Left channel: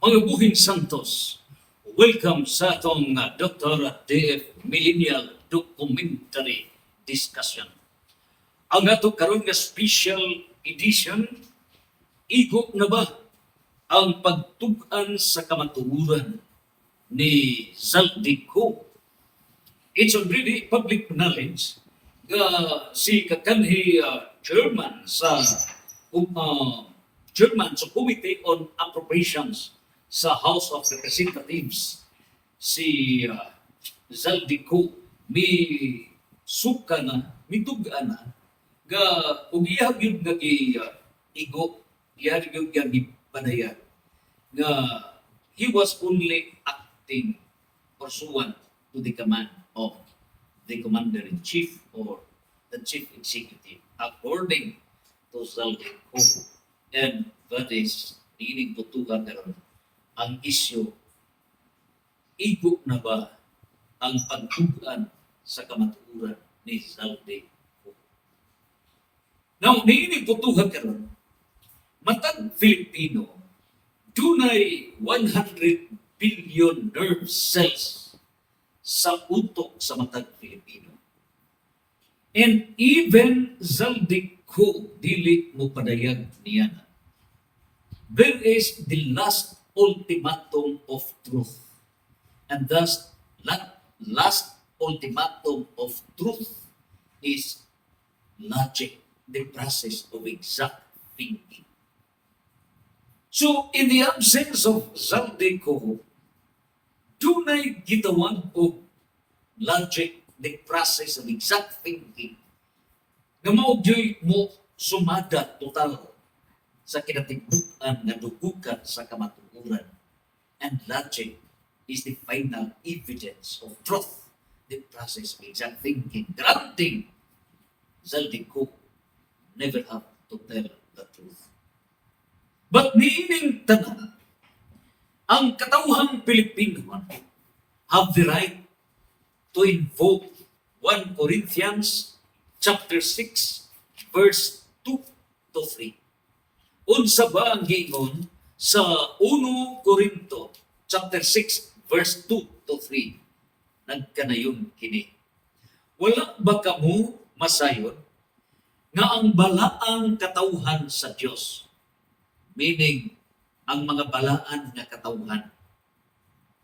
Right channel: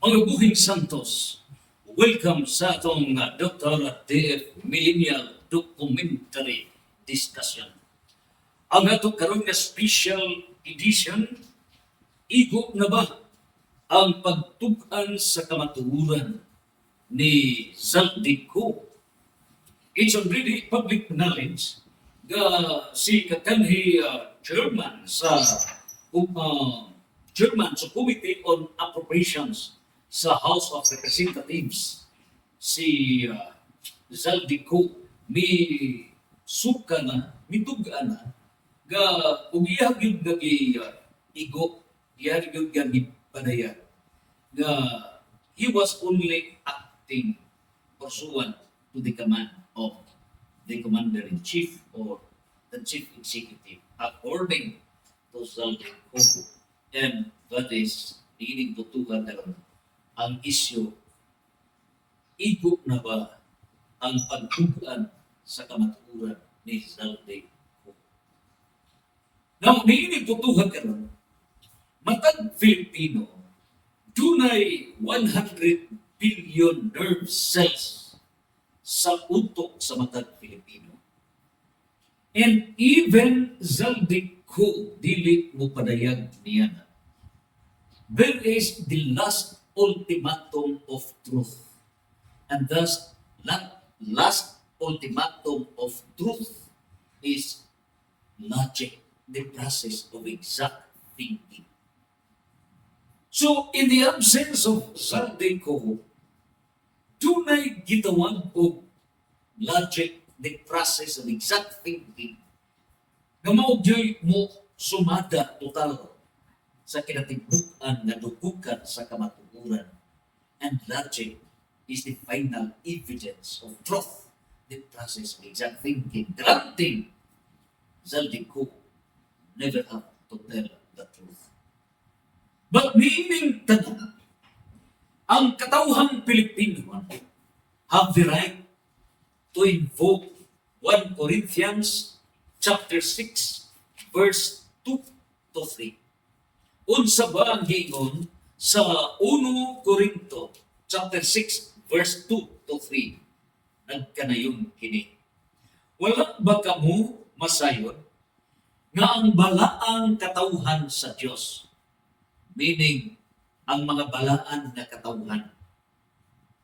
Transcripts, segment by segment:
Mga buhing Santos, welcome sa atong Dr. DF Millennial Documentary Discussion. Ang ato karon nga special edition, igo na ba ang pagtug-an sa kamatuoran ni Zaldico? It's already public knowledge nga si kakanhi chairman sa Committee on Appropriations sa House of Representatives, si Zaldico, mituga na ga ug iyang gyud nga igo, iyang gyud nga gipadaya nga he was only acting pursuant to the command of the Commander-in-Chief or the Chief Executive according to Zaldico. And that is diining tutukan karon ang isyu, igo na ba ang pagtugan sa kamatuoran ni Zaldico? Now, diining tutukan karon, matag Filipino, dunay 100 billion nerve cells sa utok sa matag Filipino. And even Zaldico dili mo padayag niya na. There is the last ultimatum of truth. And thus, last ultimatum of truth is logic, the process of exact thinking. So, in the absence of Zaldico, dunay gitawag og logic, the process of exact thinking, nga maugyoy mo sumada total sa kinatibuk-an nga dugukan sa kamatuoran. And logic is the final evidence of truth, the process of exact thinking, granting Zaldico never have to tell the truth. But meaning tanan, ang katawhang Pilipino have the right to invoke 1 Corinthians chapter 6 verse 2 to 3. Unsa ba ang giingon sa 1 Corinto chapter 6 verse 2 to 3? Nagkanayon kini. Wala ba kamo masayon nga ang balaang katawhan sa Dios, meaning ang mga balaan nga katawhan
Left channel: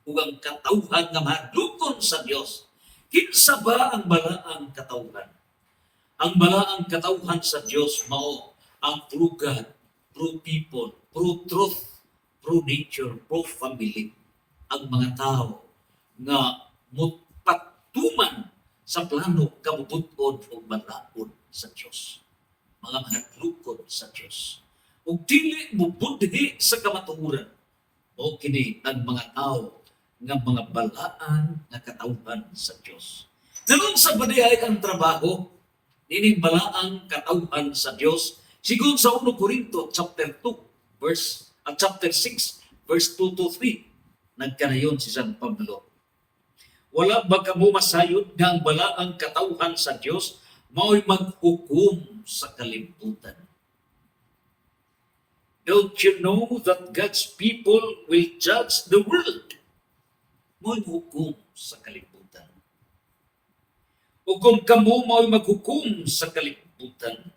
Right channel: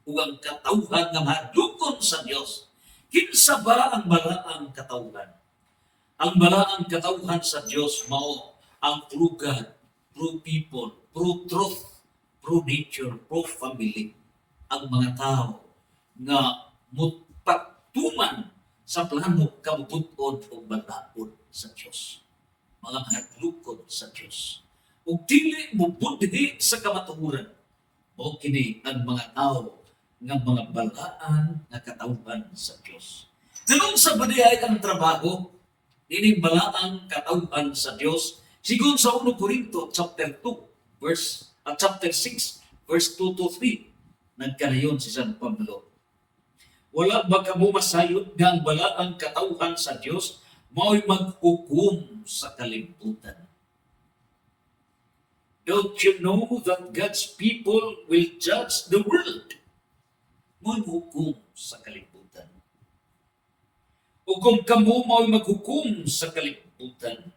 ug ang katawhan nga mahadlokon sa Dios, kinsa ba ang balaang katawhan? Ang balaang katawhan sa Dios mao ang true God, true people, true truth, true nature, true family. Ang mga tao nga mutpatuman sa plano kamubuton o balaod sa Diyos. Mga mahadlukod sa Diyos. Ug dili mo budhi sa kamatuoran. O kini ang mga tao nga mga balaan nga katawhan sa Diyos. Ganun sa badihay ang trabaho, ini balaang katawhan sa Diyos. Sigun sa 1 Corinto chapter 2 chapter 6 verse 2 to 3, nagkanayon si San Pablo. Wala ba kamo masayod nga ang balaang katawhan sa Dios mao'y maghukom sa kalibutan? Don't you know that God's people will judge the world? Mao'y hukom sa kalibutan. O kung kamo mao'y maghukom sa kalibutan,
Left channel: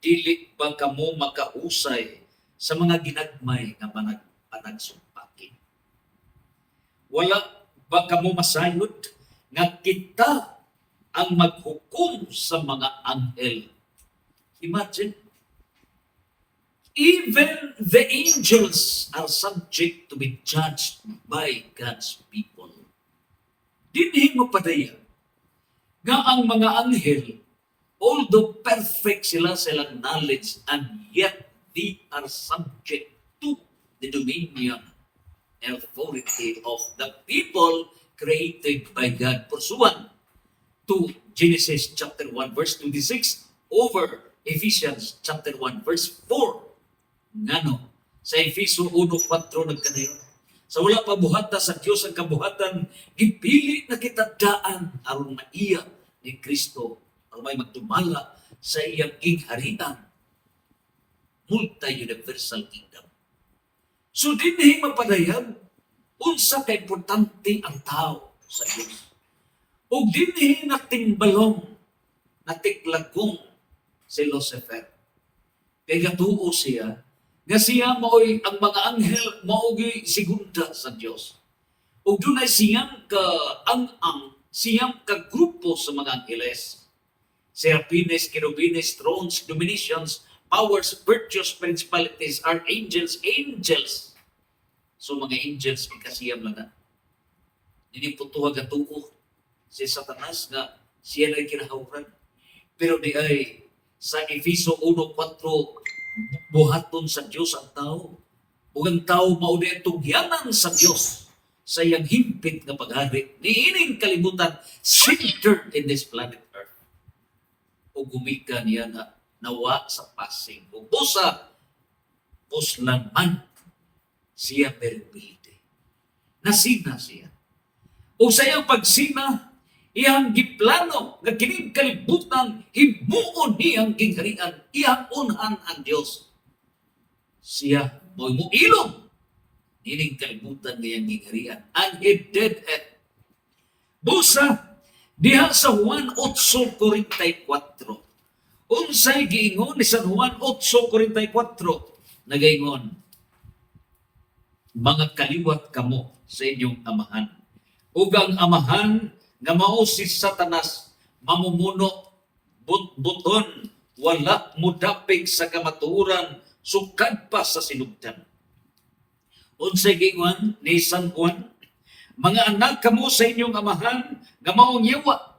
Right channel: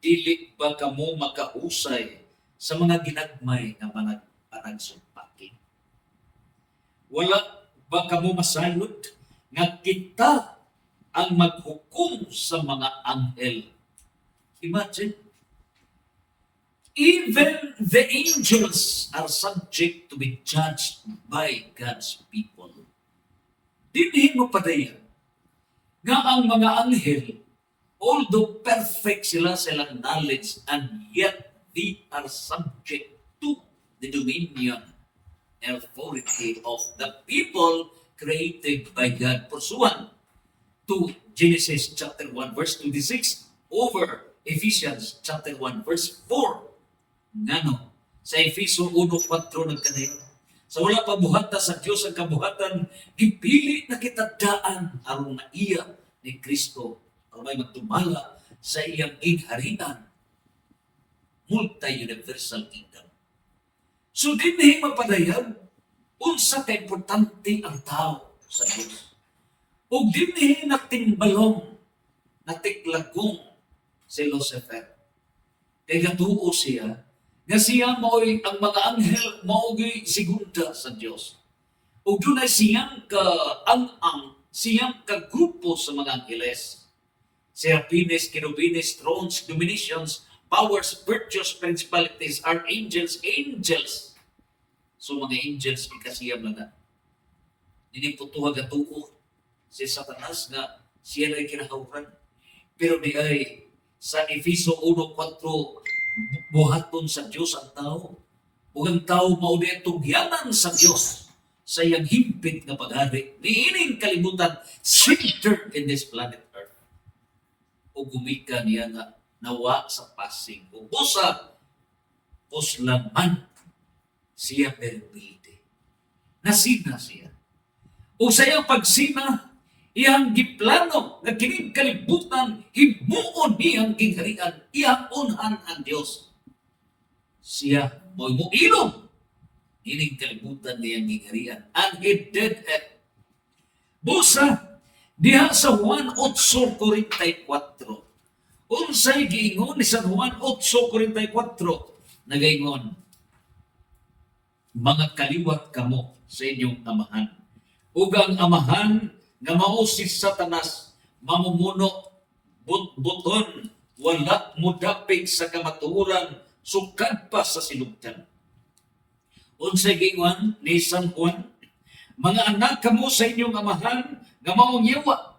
dili ba kamo makahusay sa mga ginagmay nga mga panagsumpaki? Wala ba kamo masayod nga kita ang maghukom sa mga anghel? Imagine, even the angels are subject to be judged by God's people. Dinhi mo padaya nga ang mga anghel, although perfect sila silang knowledge, and yet they are subject to the dominion and authority of the people created by God pursuant to Genesis chapter 1 verse 26 over Ephesians chapter 1 verse 4. Ngano? Sa Efeso 1:4 nagkanayon. Sa wala pa buhata sa Dios ang kabuhatan, gipili na kita daan aron na iya ni Kristo aron may magtumala sa iyang gingharian, multi-universal kingdom. So dinhi mapadayag unsa ka importante ang tao sa Dios. Ug dinhi natimbalong natiklagong si Lucifer. Kay gatuo siya nga siya mao'y ang mga anghel mao'y segunda sa Dios. Ug dunay siyang siyang kagrupo sa mga angheles. Serapines, kerubines, thrones, dominations, powers, virtues, principalities, archangels, angels. So mga angels, ikasiyam lang na. Diniputuhag at tuo si Satanas nga siya na kinahawran. Pero di ay sa Efeso 1:4, buhaton sa Diyos ang tao. Ug ang tao mauni tugyanan sa Diyos sa iyang himpit nga paghari. Niining kalibutan centered in this planet Earth. O gumika niya nga nawa sa passing. O busa, puslan man siya permite. Nasina siya. O sa iyang pagsina, iyang giplano nga kining kalibutan, himuon niyang gingharian, iyang unhan ang Diyos. Siya mo'y muilong ining kalibutan niyang gingharian. And he did it. Busa, diha sa Juan 8:44, unsay giingon ni San Juan 8:44, nagaingon, mga kaliwat kamo sa inyong amahan. Ug ang amahan nga mao si Satanas mamumuno buton wala mudapig sa kamatuoran sukad pa sa sinugdan. Unsay giingon ni San Juan, mga anak kamo sa inyong amahan nga maong yawa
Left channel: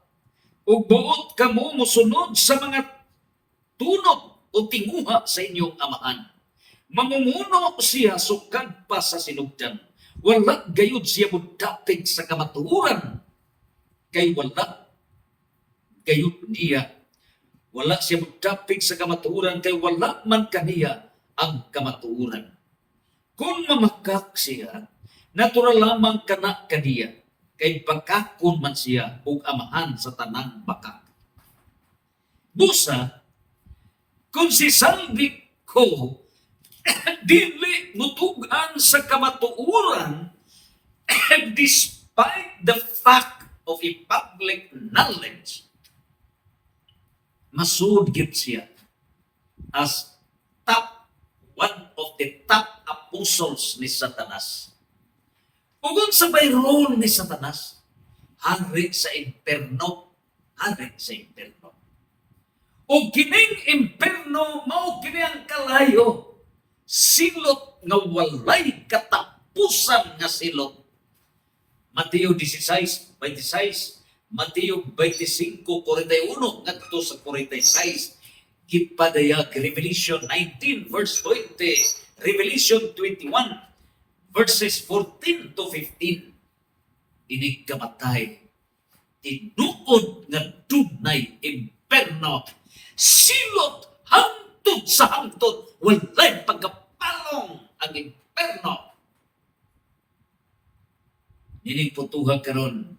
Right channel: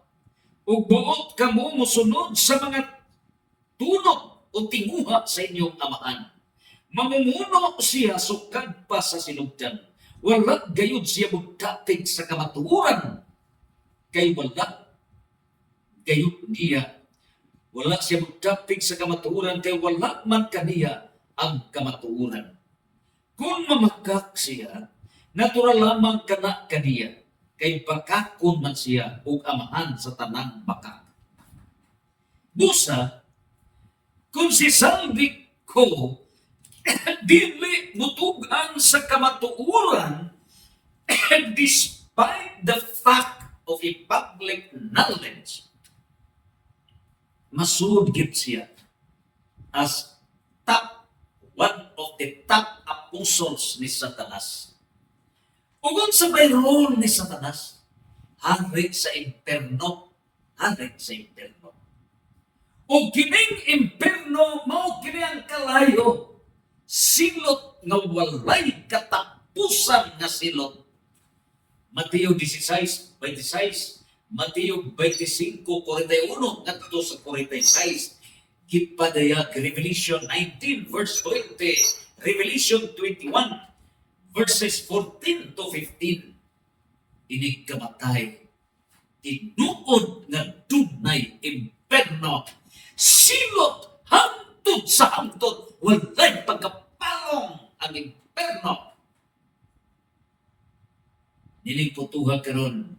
ug buot kamo mosunod sa mga tunot o tinguha sa inyong amahan. Mamumuno siya sukad pa sa sinugdan. Wala gayud siya mudapig sa kamatuoran. Kay wala gayud niya. Wala siya mudapig sa kamatuoran kay wala man kaniya ang kamatuoran. Kung mamakak siya, natural lamang kana kaniya. Kay bakakon man siya ug amahan sa tanang bakak. Busa, kung si Salvi ko dili mutugan sa kamatuoran despite the fact of a public knowledge, masud gid siya as one of the top apostles ni Satanas. Ug unsa bay role ni Satanas? Hari sa imperno, hari sa imperno. Ug kining imperno mao kini ang kalayo, silot nga walay katapusan nga silot. Mateo 16:26, Mateo 25:41 ngadto sa 46, gipadayag Revelation 19:20, Revelation 21:14-15. Inig kamatay, tinuod nga dunay imperno, silot hangtod sa hangtod, walay pagkapalong ang imperno. Niniputuhan karon,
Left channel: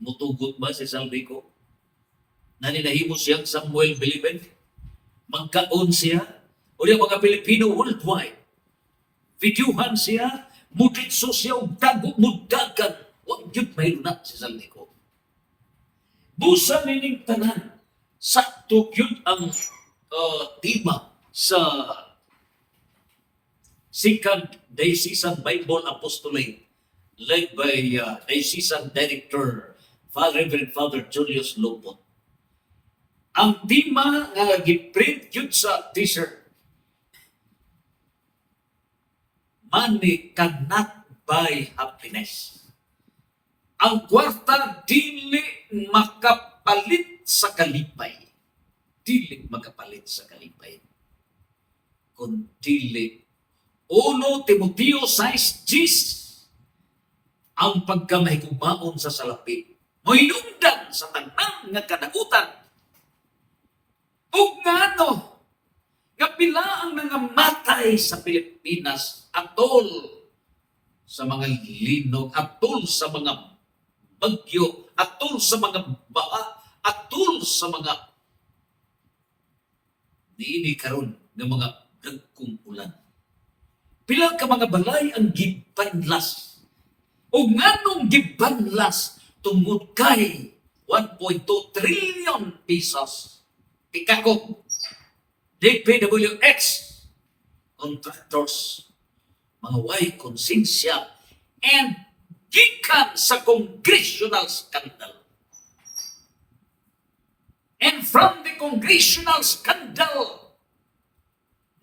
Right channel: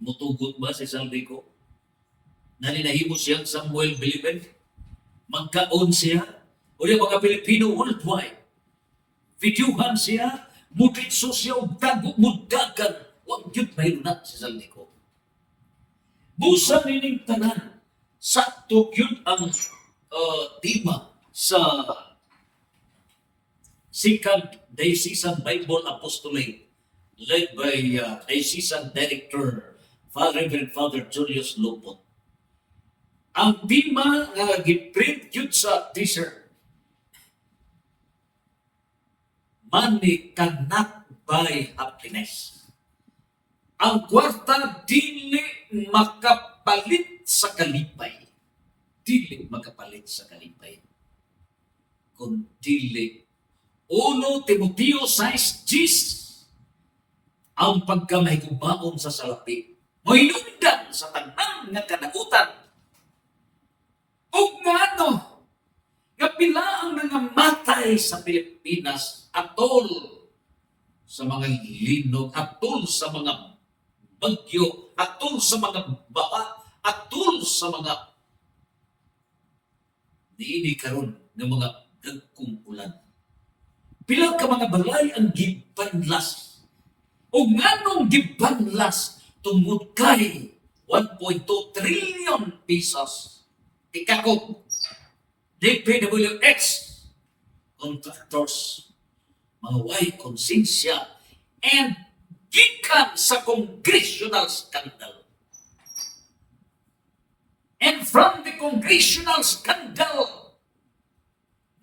mutugot ba si Salvi ko? Naninahimo siyang Samuel Bilibid? Magkaon siya? O yung mga Pilipino worldwide? Videohan siya? Muditso siya o dago mudagan? Huwag yun mayroon na si Salvi ko. Busa nining tanan, sakto yun ang tema sa Second Diocesan Bible Apostolate led by Diocesan Director Reverend Father Julius Lopot. Ang tema nga giprint yun sa t-shirt, money cannot buy happiness. Ang kwarta dili makapalit sa kalipay. Dili makapalit sa kalipay. Kung dili 1 Timoteo 6:10, ang pagkamahigugmaon sa salapi, mohinungdan sa tanang nga kanagutan. O nga no, nga pila ang nangamatay sa Pilipinas atol sa mga linog, atol sa mga bagyo, atol sa mga baha, atol sa mga niini karon ng mga dagkong ulan. Pila ka mga balay ang gibanlas. O nganong gibanlas tungod kay 1.2 trillion pesos. Tikakot, DPWX, contractors, mga way konsensya, and gikan sa congressional scandal. And from the congressional scandal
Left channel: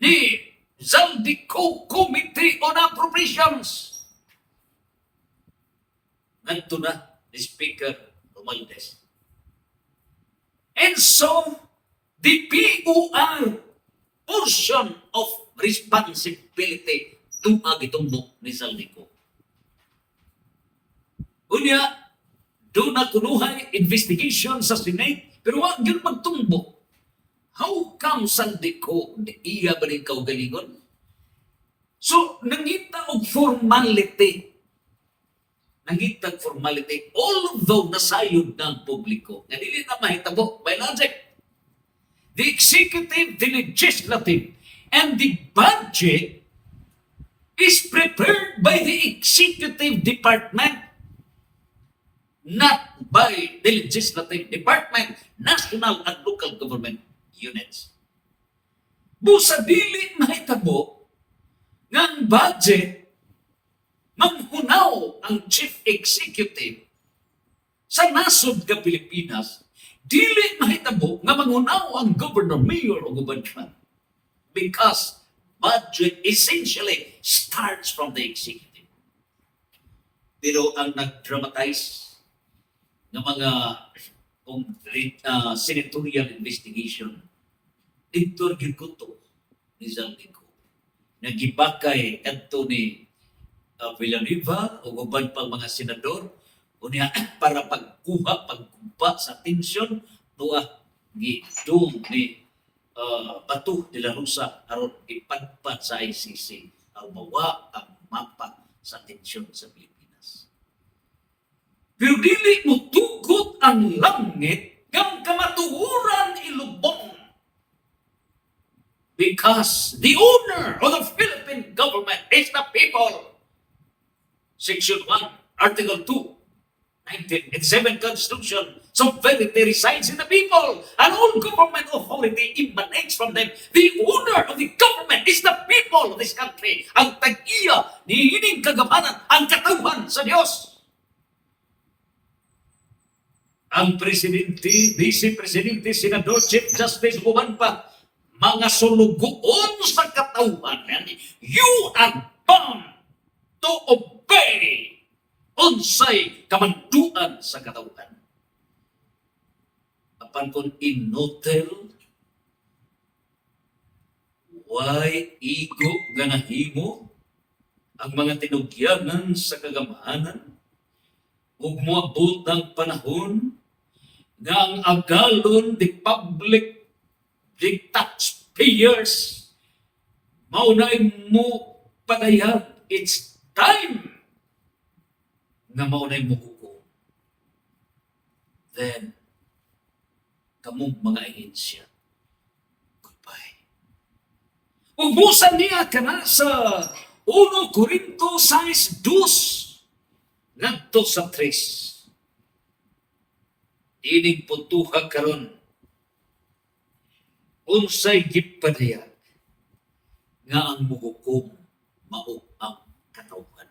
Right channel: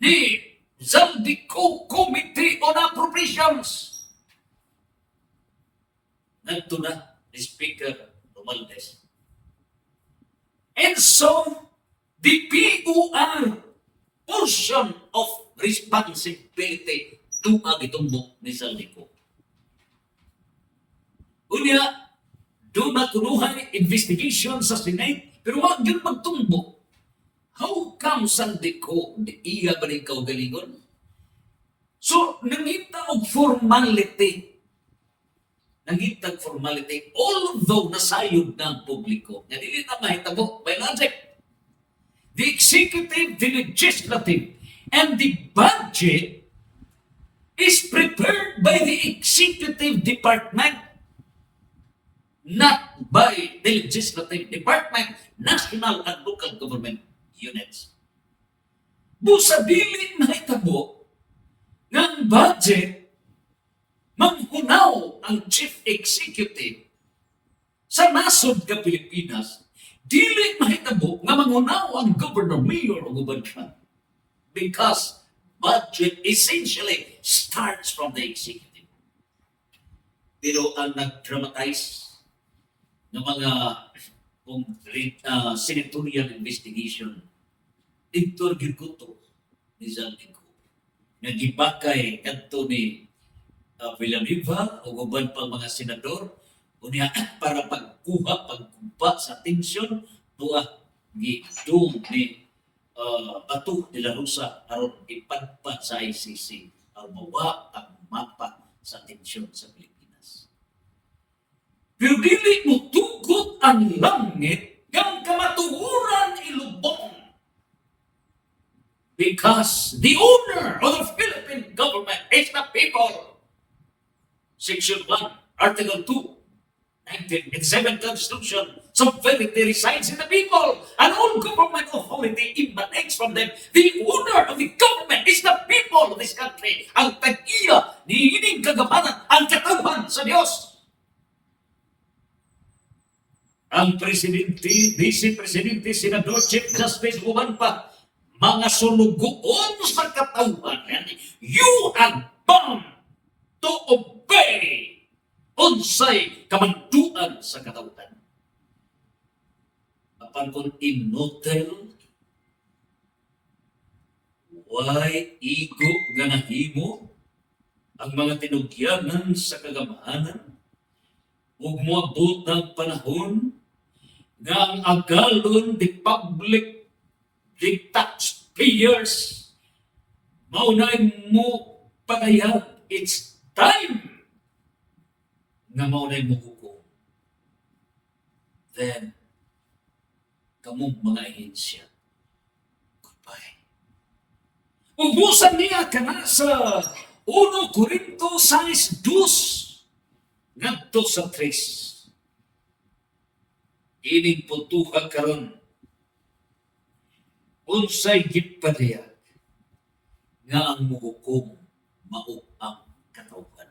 ni Zaldico Committee on Appropriations, nandito na ni Speaker Romualdez. And so, the POR portion of responsibility tuag itong ni Zaldico. Unya, doon na kunuhay investigation sa Senate, pero wag yun magtumbo. How come Zaldico iya ba rin kaugalingon? So, nangita og formality. Nangita og formality, although nasayod ng publiko. Nga dili na mahitabo by logic. The executive, the legislative, and the budget is prepared by the executive department, not by the legislative department, national and local government units. Busa dili mahitabo ng budget manghunaw ang chief executive sa nasod ka Pilipinas, dili mahitabo nga manghunaw ang governor, mayor o gubernator, because budget essentially starts from the executive. Pero ang nag-dramatize ng mga senatorial investigation, Dr. Girkuto ni Zaldico, nagibakay kanto ni Villanueva o uban pang mga senador unya para pagkumpa sa tensyon tuwa gidong ni Bato de la Rosa aron ipadpad sa ICC aron mawa ang mapa sa tensyon sa Pilipinas. Pero dili mo tugot ang langit kang kamatuhuran ilubong. Because the owner of the Philippine government is the people. Section 1, Article 2, 1987 Constitution, sovereignty resides in the people, and all government authority emanates from them. The owner of the government is the people of this country. Ang tag-iya ni hining kagamanan, ang katawan sa Diyos. Ang presidente, vice-presidente, senador, chief justice, uban pa, mga sulugoon sa katawan, you are bound to obey unsay kamanduan sa katawan. Apan kung inotel, why igo nga nahimo ang mga tinugyanan sa kagamahanan ug moabot ang panahon nga ang agalon the public, the taxpayers, maunay mo pagayag. It's time na maunay mo hukom. Then, kamong mga ahensya, goodbye. Ubusan niya ka na sa 1 Corinto 6:2 ngadto sa 3. Ining puntuhan karon unsay gipadayag nga ang muhukom mao ang katawhan.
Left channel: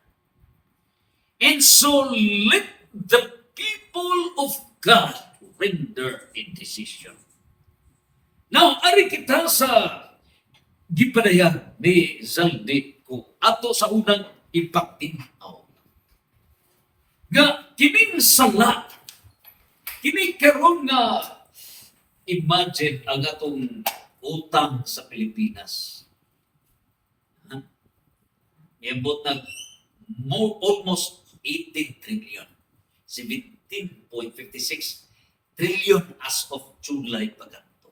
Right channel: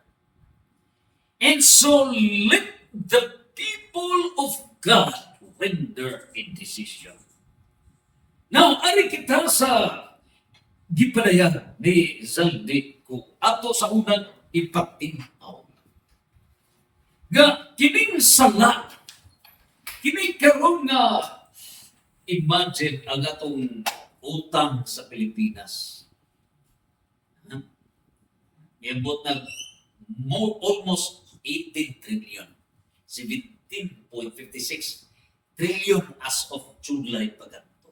And so let the people of God render a decision. Now, ari kita sa gipadayag ni Zaldico ato sa unang ipatinaw. Nga kining sala, kini karon nga imagine ang atong utang sa Pilipinas. Iabot na almost 18 trillion. 17.56 trillion as of July paganto.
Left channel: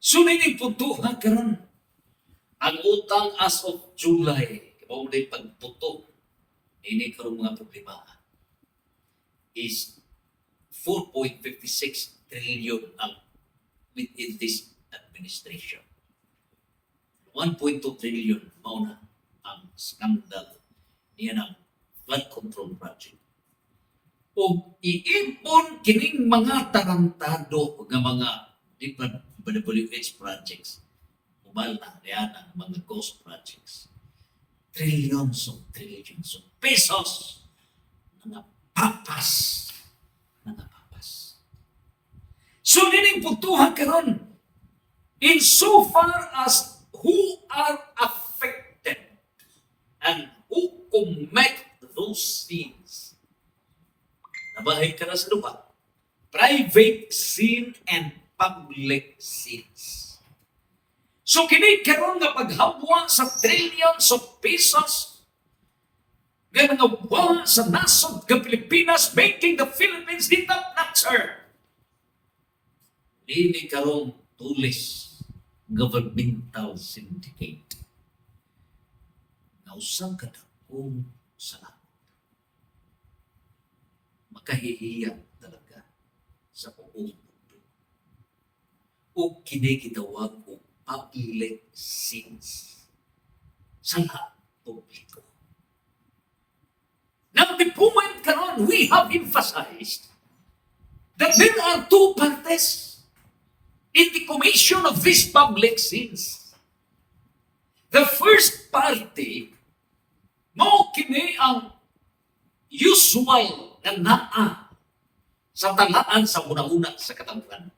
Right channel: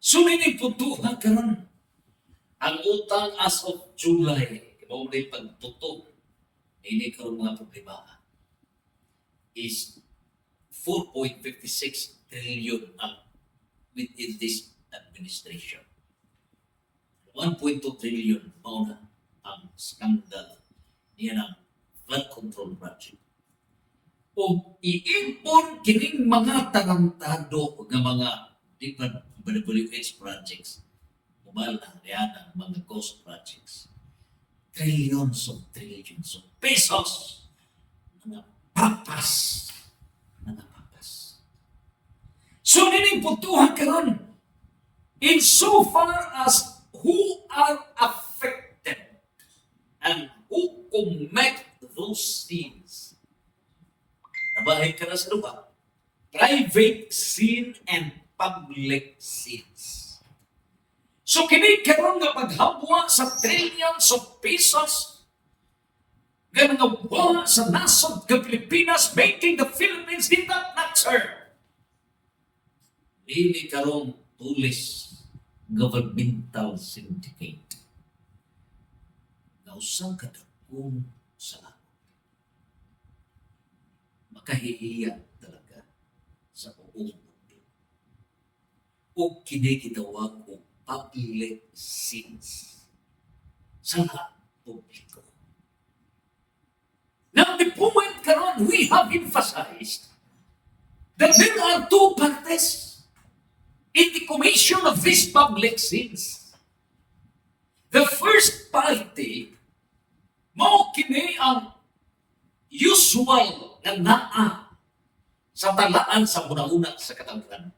So nining puntuhan karon ang utang as of July, kamo day pagputo ini karon mga problema is 4.56 trillion ang within this administration. 1.2 trillion mauna ang skandal niya ng flood control project. O iipon kining mga tarantado nga mga DPWH projects, umal na yan ang mga ghost projects. Trillions of pesos na napapas. So nining puntuhan karon, in so far as who are affected and who commit those sins. Nabahay ka na sa lupa. Private sin and public sins. So kini karon nga paghabwa sa trillions of pesos nga nangawa sa nasod ng Pilipinas, making the Philippines the top notcher. Dili karon tulis governmental syndicate. Nausang kadakong salamat. Makahihiya talaga sa buong mundo. O kinikitawag o public sins sa lahat publiko. Now, the point karon, we have emphasized that there are two parties in the commission of these public sins. The first party, mao kini ang usual na naa sa talaan sa una-una sa katawhan.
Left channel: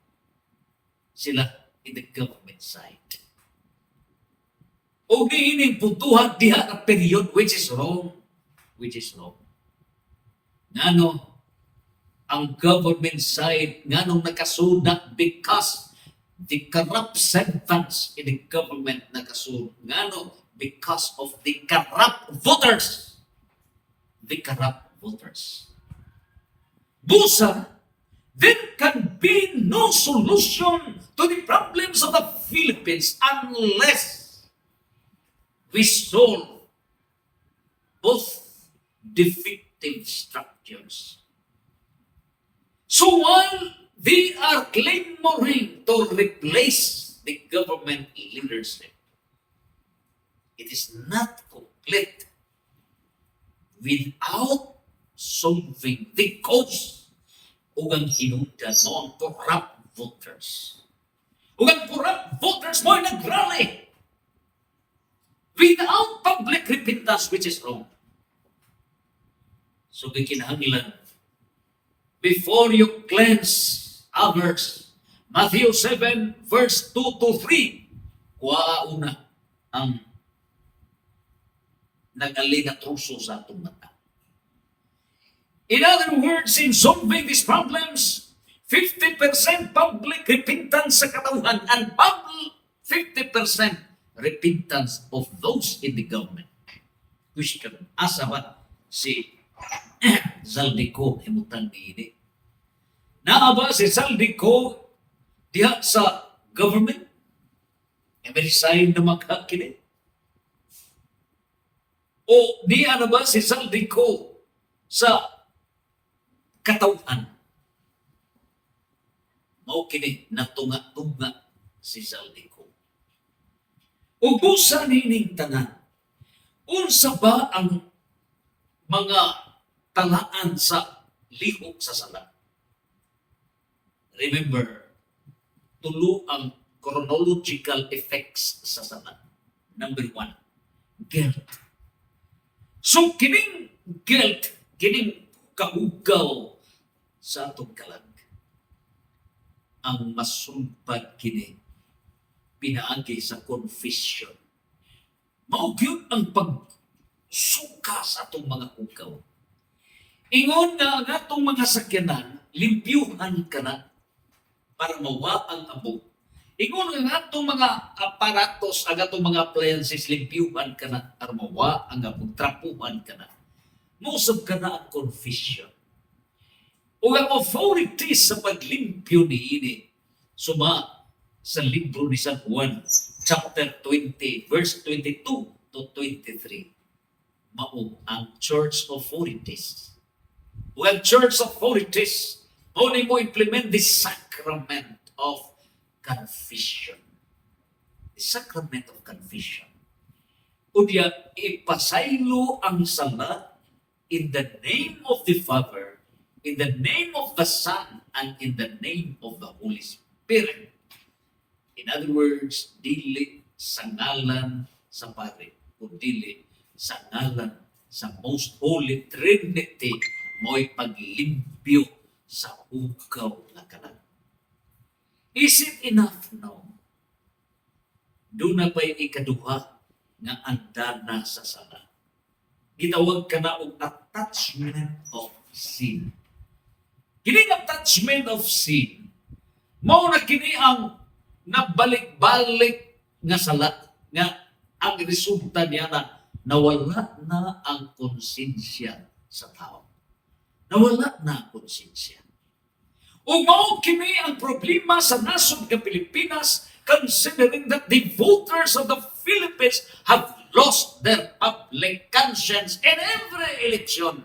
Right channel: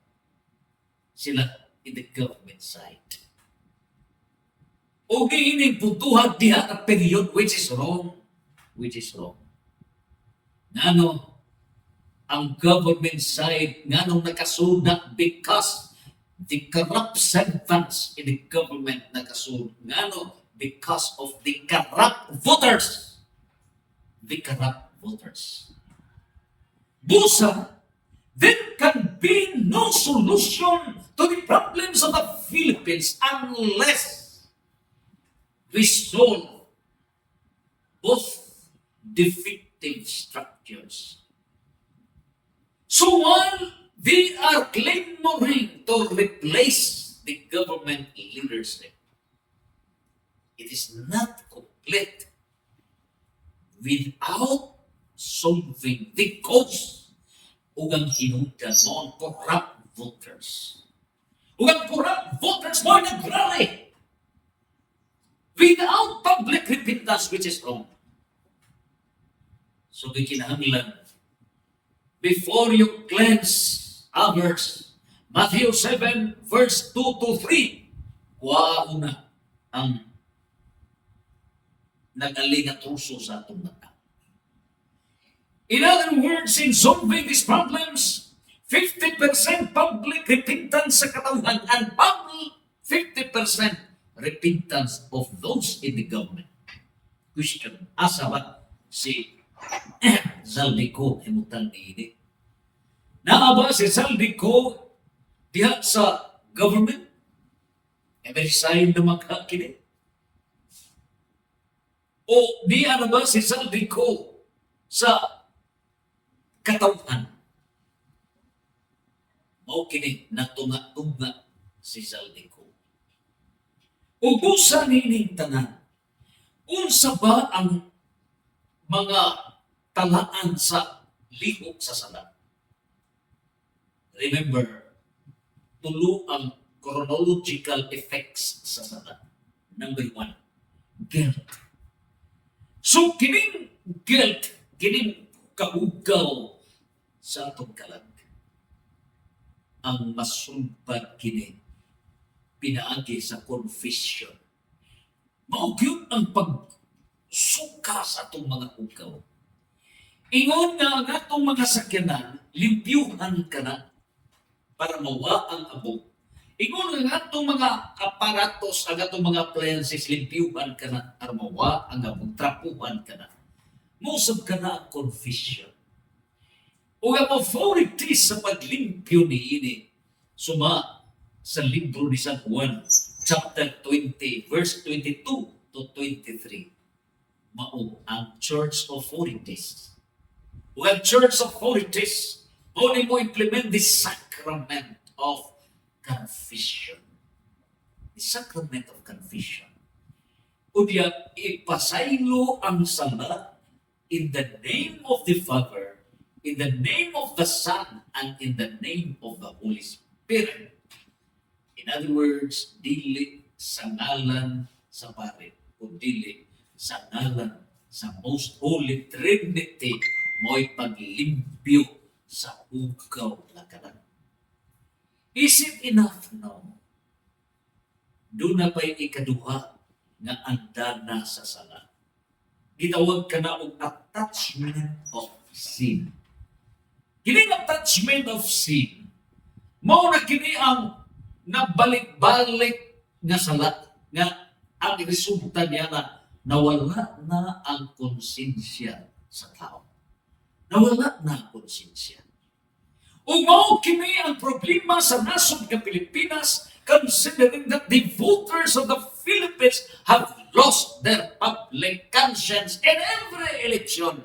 Sila in the government side. O giining puntuhan diha na period which is wrong. Ngano ang government side nganong nakasunak because the corrupt servants in the government nakasunod. Ngano? Because of the corrupt voters. Busa, there can be no solution to the problems of the Philippines unless we solve both defective structures. So while they are clamoring to replace the government leadership, it is not complete without solving the cause ug ang hinungdan mo ang corrupt voters. Ug ang corrupt voters mo nagrally without public repentance, which is wrong. So gikinahanglan, before you cleanse others, Matthew 7 verse 2 to 3, kuwauna ang nag-aling at truso sa atong mata. In other words, in solving these problems, 50% public repentance sa katawhan and 50% repentance of those in the government. Question, asa ba si Zaldico himutan niini? Naa ba si Zaldico diha sa government? May sign na magkakini? O diya na ba si Zaldico sa katawhan? Mao kini natunga-tunga si Zaldico. Ubusan nining tanan, unsa ba ang mga talaan sa lihok sa sala? Remember, tulo ang chronological effects sa sala. Number 1, guilt. So, kining guilt, kining kahugaw sa atong kalag, ang masumpad kini pinaagi sa confession. Maugyod ang pagsuka sa atong mga hugaw. Ingon nga ang atong mga sakyanan, limpyuhan ka na para mawa ang abo. Ingon nga atong mga aparatos, ang atong mga appliances, limpyuhan ka na para mawa ang abo, trapuhan ka na. Musab ka na ang confession. O ang authorities sa paglimpyo ni ini, suma sa libro ni San Juan, chapter 20, verse 22 to 23. Mao ang church authorities. O ang church authorities, only mo implement the sacrament of confession. The sacrament of confession. Unya, ipasaylo ang sala in the name of the Father, in the name of the Son, and in the name of the Holy Spirit. In other words, dili sa ngalan sa Pare, kundi sa ngalan sa Most Holy Trinity mo'y paglimpyo sa hugaw na kanan. Is it enough? No. Doon na pa'y ikaduha nga andana sa sala. Gitawag ka na og attachment of sin. Kining attachment of sin, mao na kini ang nabalik-balik nga sala, nga ang resulta niya na nawala na ang konsensya sa tao. Nawala na ang konsensya. O mao kini ang problema sa nasod ng Pilipinas, considering that the voters of the Philippines have lost their public conscience in every election.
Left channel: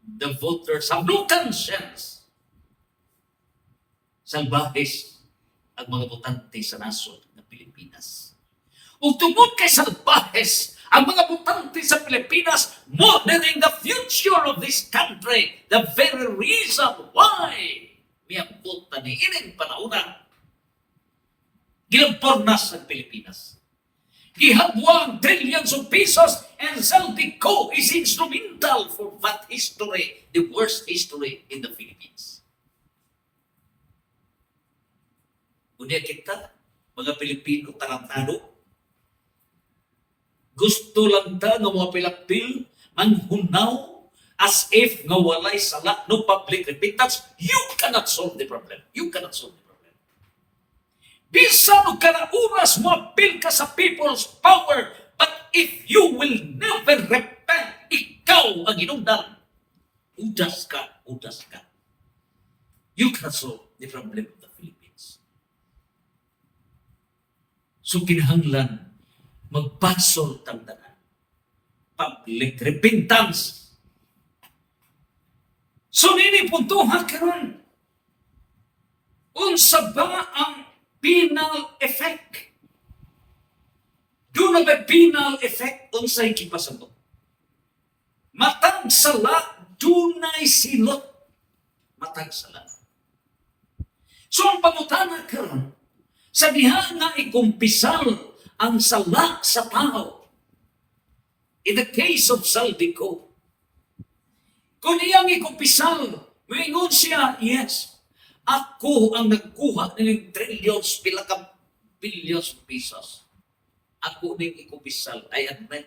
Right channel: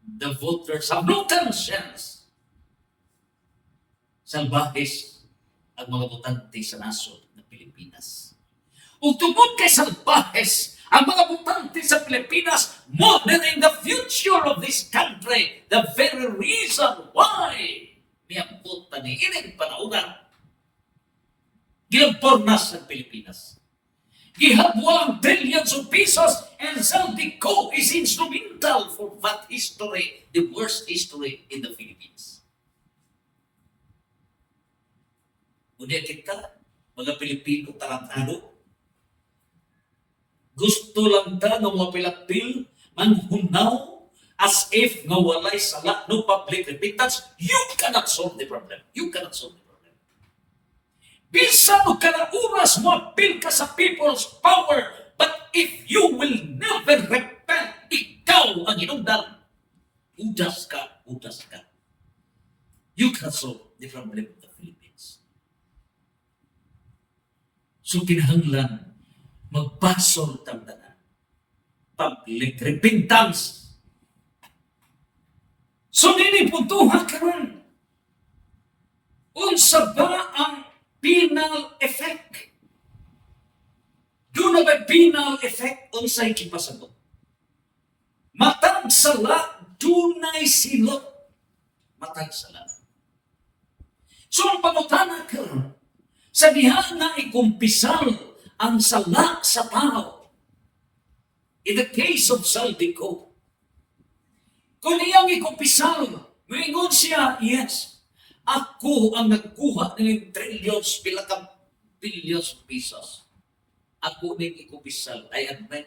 The voters have no conscience. Salbahes ang mga botante sa nasod ng Pilipinas. O tungod kay salbahes ang mga botante sa Pilipinas, monitoring the future of this country, the very reason why miyambot na ni ining panahon gilampornas ang Pilipinas. Gihabwa ang trillions of pesos and Zaldico is instrumental for that history, the worst history in the Philippines. Unya kita, mga Pilipino tarantado, gusto lang ta ng mga pilapil manghunaw as if nga walay sala, no public repentance. You cannot solve the problem. You cannot solve the problem. Bisan o kada oras mo appeal ka sa people's power, but if you will never repent, ikaw ang inundan. Udas ka, udas ka. You cannot solve the problem of the Philippines. So kinahanglan magbasol tangdanan. Public repentance. So nini puntuhan karon. Unsa ba ang penal effect? Doon na ba penal effect unsay kipasabot? Matag sala, dunay silot. Matag sala. So ang pangutana karon, sa diha nga ikumpisal ang sala sa tao. In the case of Zaldico, kung iyang ikumpisal, maingon siya, yes, ako ang nagkuha ng trillions, pila ka billions of pesos. Ako ning ikumpisal, I admit.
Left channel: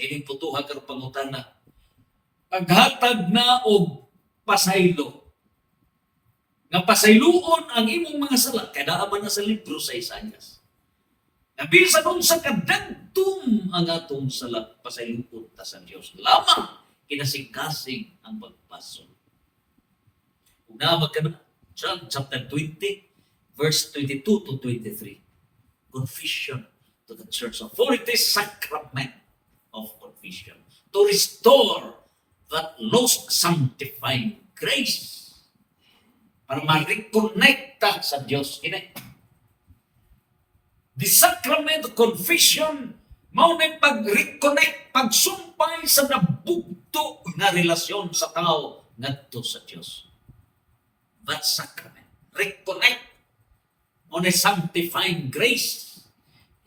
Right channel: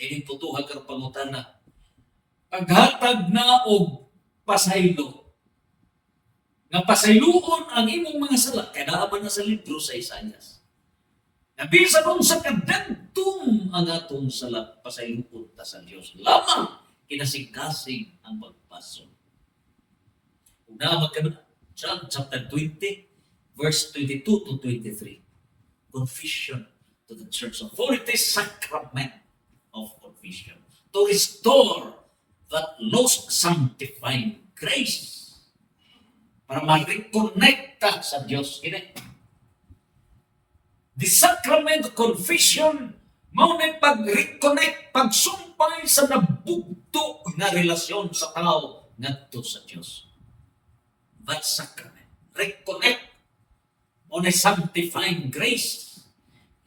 Ining putuhan ka ng pangutana. Paghatag na og pasaylo. Nga pasayloon ang imong mga sala, kaya naaman na sa libro sa Isaias. Nabisa doon sa kadagtum ang atong sala, pasayloon ta sa Diyos. Lamang kinasing-kasing ang pagpasok. Una magkano, John chapter 20, verse 22 to 23. Confession to the church. For it is sacrament of confession to restore that lost sanctifying grace. Para ma-reconnecta sa Diyos. The sacrament of confession, mao na pag-reconnect, pagsumpay sa nabugto na relasyon sa tao ngadto sa Diyos. That sacrament. Reconnect on a sanctifying grace.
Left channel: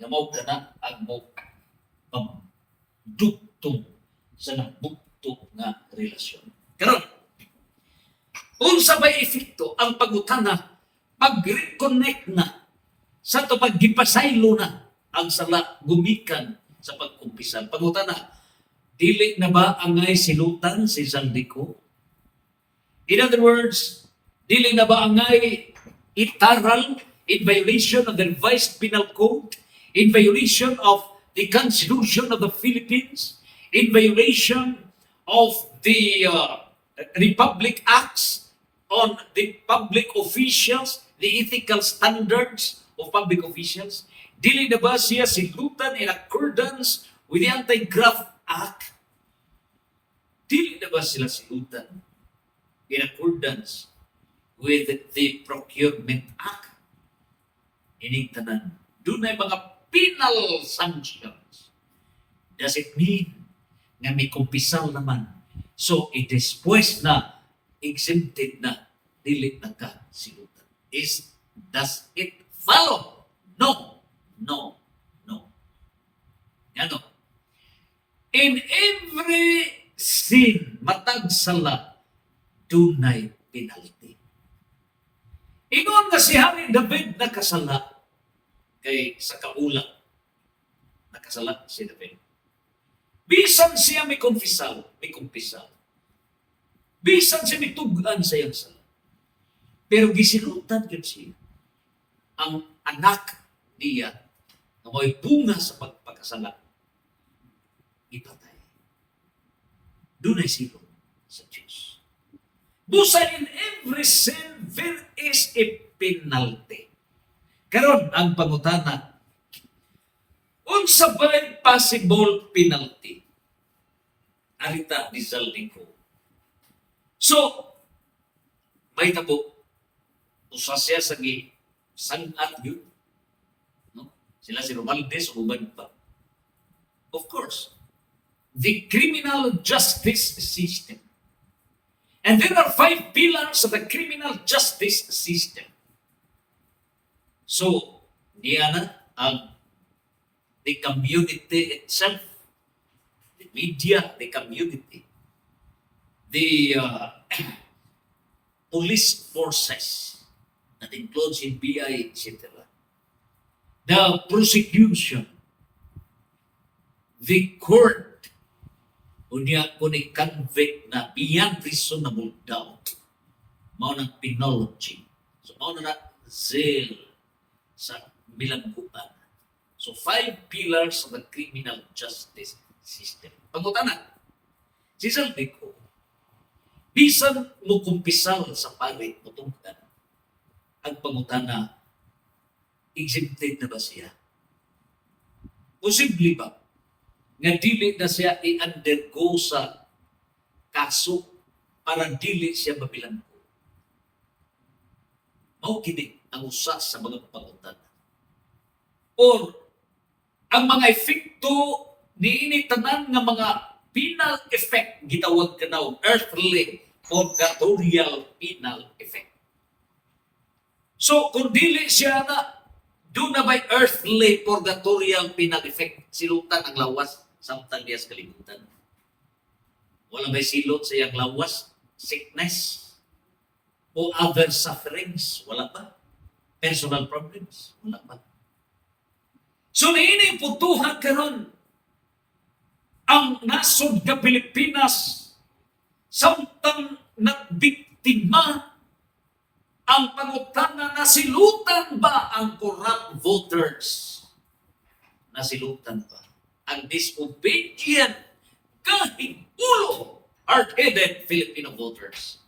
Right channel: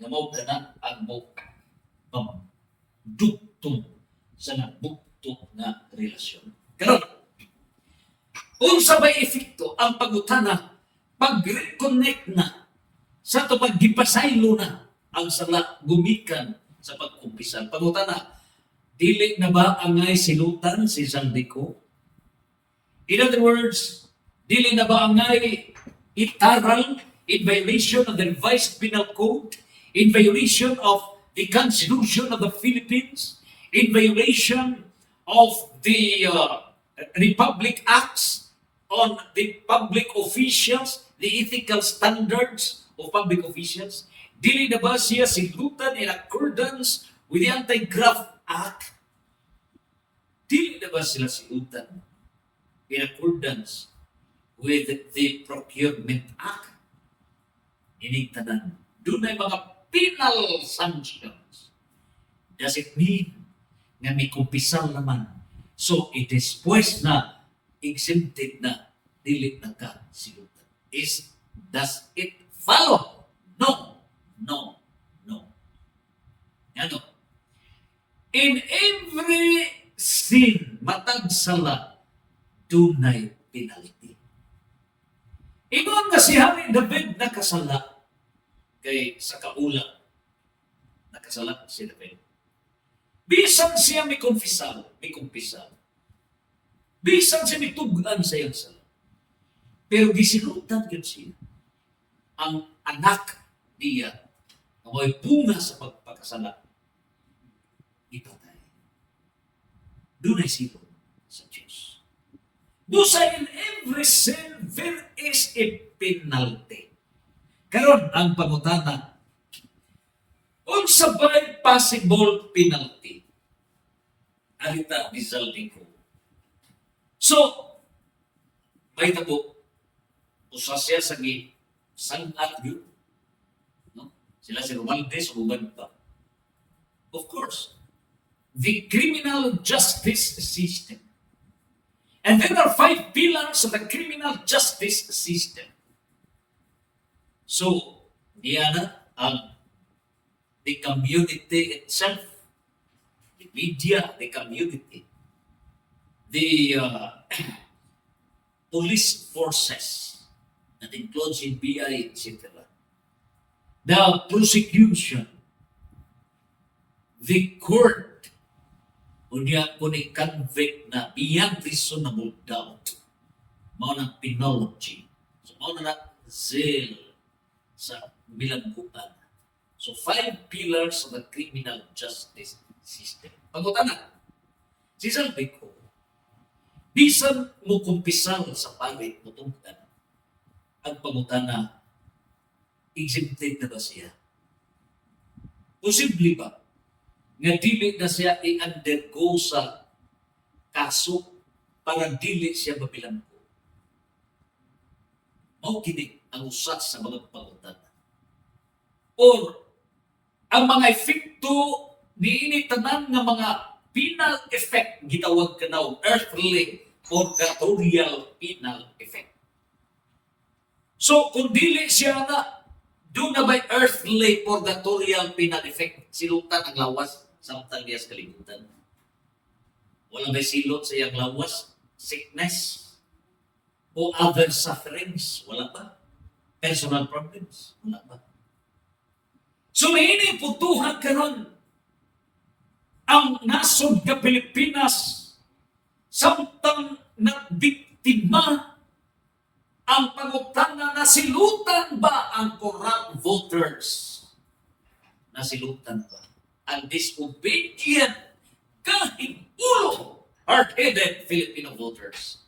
Nga mao na ang pagdugtong sa nabugto na relasyon. Karon, unsa bay epekto ang pagutana pag-reconnect na sa to paggipasaylo na ang sala gumikan sa pagkumpisal. Pangutana, dili na ba angay silutan si Zaldico? In other words, dili na ba angay itaral in violation of the revised penal code, in violation of the Constitution of the Philippines, in violation of the Republic Acts on the public officials, the ethical standards of public officials? Dili na ba siya silutan in accordance with the Anti-Graft Act? Dili na ba sila silutan in accordance with the Procurement Act. Ining tanan, doon ay mga penal sanctions. Does it mean nga may kumpisal naman? So, it is pues na exempted na dili na ka silutan. Does it follow? No. No. No. Ano? In every sin, matag sala, dunay penalty. Ingon nga si Hari David nakasala kay sa kaulang nakasala si David. Bisan siya may kumpisal. Bisan siya may tugan sa iyang sala. Pero gisilutan yun siya. Ang anak niya na may bunga sa pagpagkasala, ipatay. Doon ay silong sa Diyos. Busa in every sin, there is a penalty. Karon ang pangutana, unsa ba'y possible penalty? Arita ni Zaldico. So, may tabo, usa siya sa sangat yun. No? Sila si Romualdez, uban pa. Of course, the criminal justice system. And there are 5 pillars of the criminal justice system. So, niya ang the community itself, the media, the community, the police forces that includes NBI, etc. The prosecution, the court, unya kung i-convict na beyond reasonable doubt, mao ng penology. So, mao na zeal sa bilangguan. So, 5 pillars of the criminal justice system. Pangutanan, si Zaldico, bisan mo kumpisal sa parit mo tungkan, ang pangutana, exempted na ba siya? Posible ba nga dili na siya i-undergo sa kaso para dili siya mabilanggo? Mao kini ang usa sa mga pangutana. Or ang mga efekto niini tanan nga mga penal effect gitawag kanaw earthly purgatorial penal effect. So kung dili siya na doon na ba'y earthly purgatorial penal effect, silutan ang lawas samtang diya sa kalibutan. Wala ba'y silot sa iyang lawas, sickness, o other sufferings? Wala pa. Personal problems? Wala pa. So, naini putuhan karon ang nasod ka Pilipinas samtang nagbiktima ang pangutana, nasilutan ba ang corrupt voters? Nasilutan ba ang disobedient, kahit ulo, hard-headed Filipino voters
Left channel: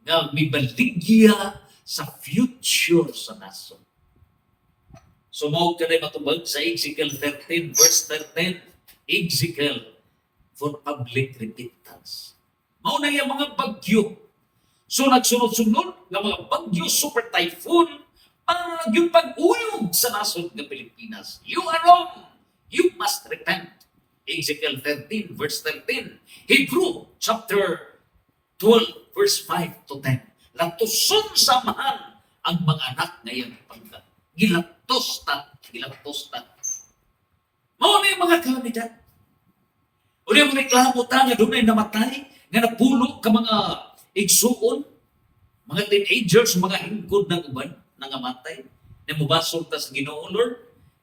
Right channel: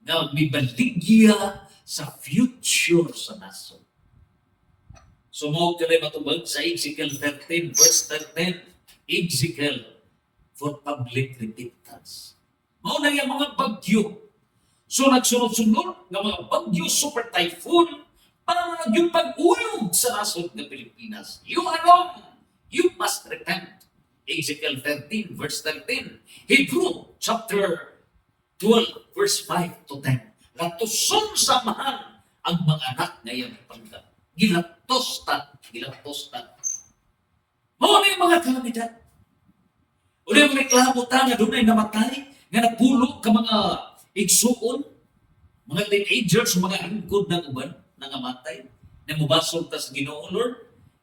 na may baligya sa future sa nasod? Sumawag ka na matubag sa Ezekiel 13, verse 13, Ezekiel for public repentance. Mauna yung mga bagyo. So nagsunod-sunod ng mga bagyo, super typhoon, para yung pag-uyog sa nasod ng Pilipinas. You are wrong. You must repent. Ezekiel 13, verse 13. Hebrew chapter 12, verse 5 to 10. Latuson samahan ang mga anak ngayong pangkat. Gilaptos ta. Mao na yung mga kalamidad. O yung mga reklamo ta nga doon ay namatay, nga napulo ka mga igsuon, mga teenagers, mga hingkod ng uban, nangamatay, na mubasol ta sa Ginoo, Lord,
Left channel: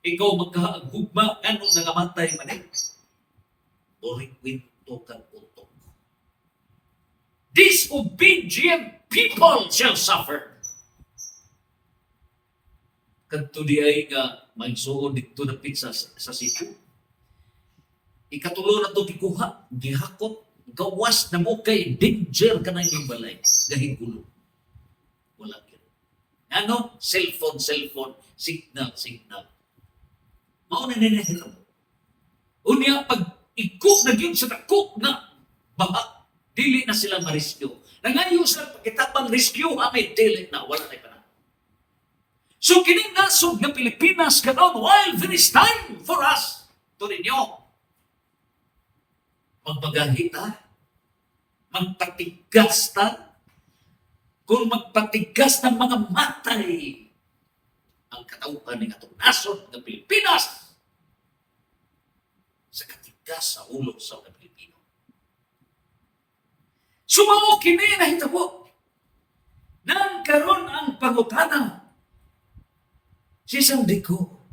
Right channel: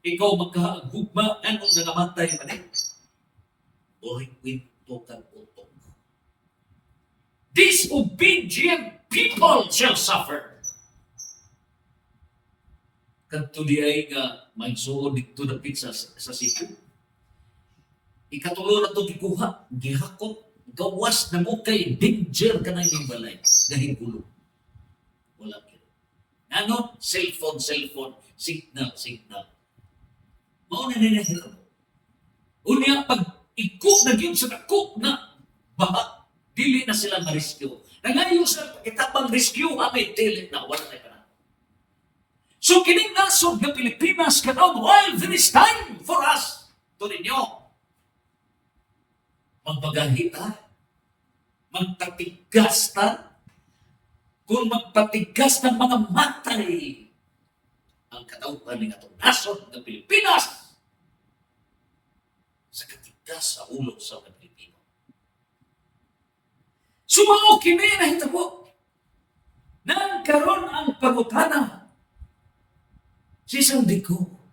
ikaw magkahagugma, anong nangamatay man eh? Boring kwento kang utok. Disobedient people shall suffer. Kanto di ay nga magsuon dito na pizza sa sityo. Ikatulo na ito gikuha, gihakot, gawas na mo kay danger ka na yung balay. Dahil gulo. Wala yun. Ano? Cellphone, signal. Mauna ninahira mo. Unya, pag ikot na yun sa takot na baha, dili na sila mariskyo. Nangayo sa pakitabang rescue amid dili na wala na panahon. So kining nasod ng Pilipinas karon while there is time for us to renew. Magpagahi ta, magpatigas ta, kung magpatigas ng mga matay ang katauhan ng atong nasod ng Pilipinas sa katigas sa ulo sa mga Pilipino. Sumao kini na hitabo nang karon ang pangutana si Sandico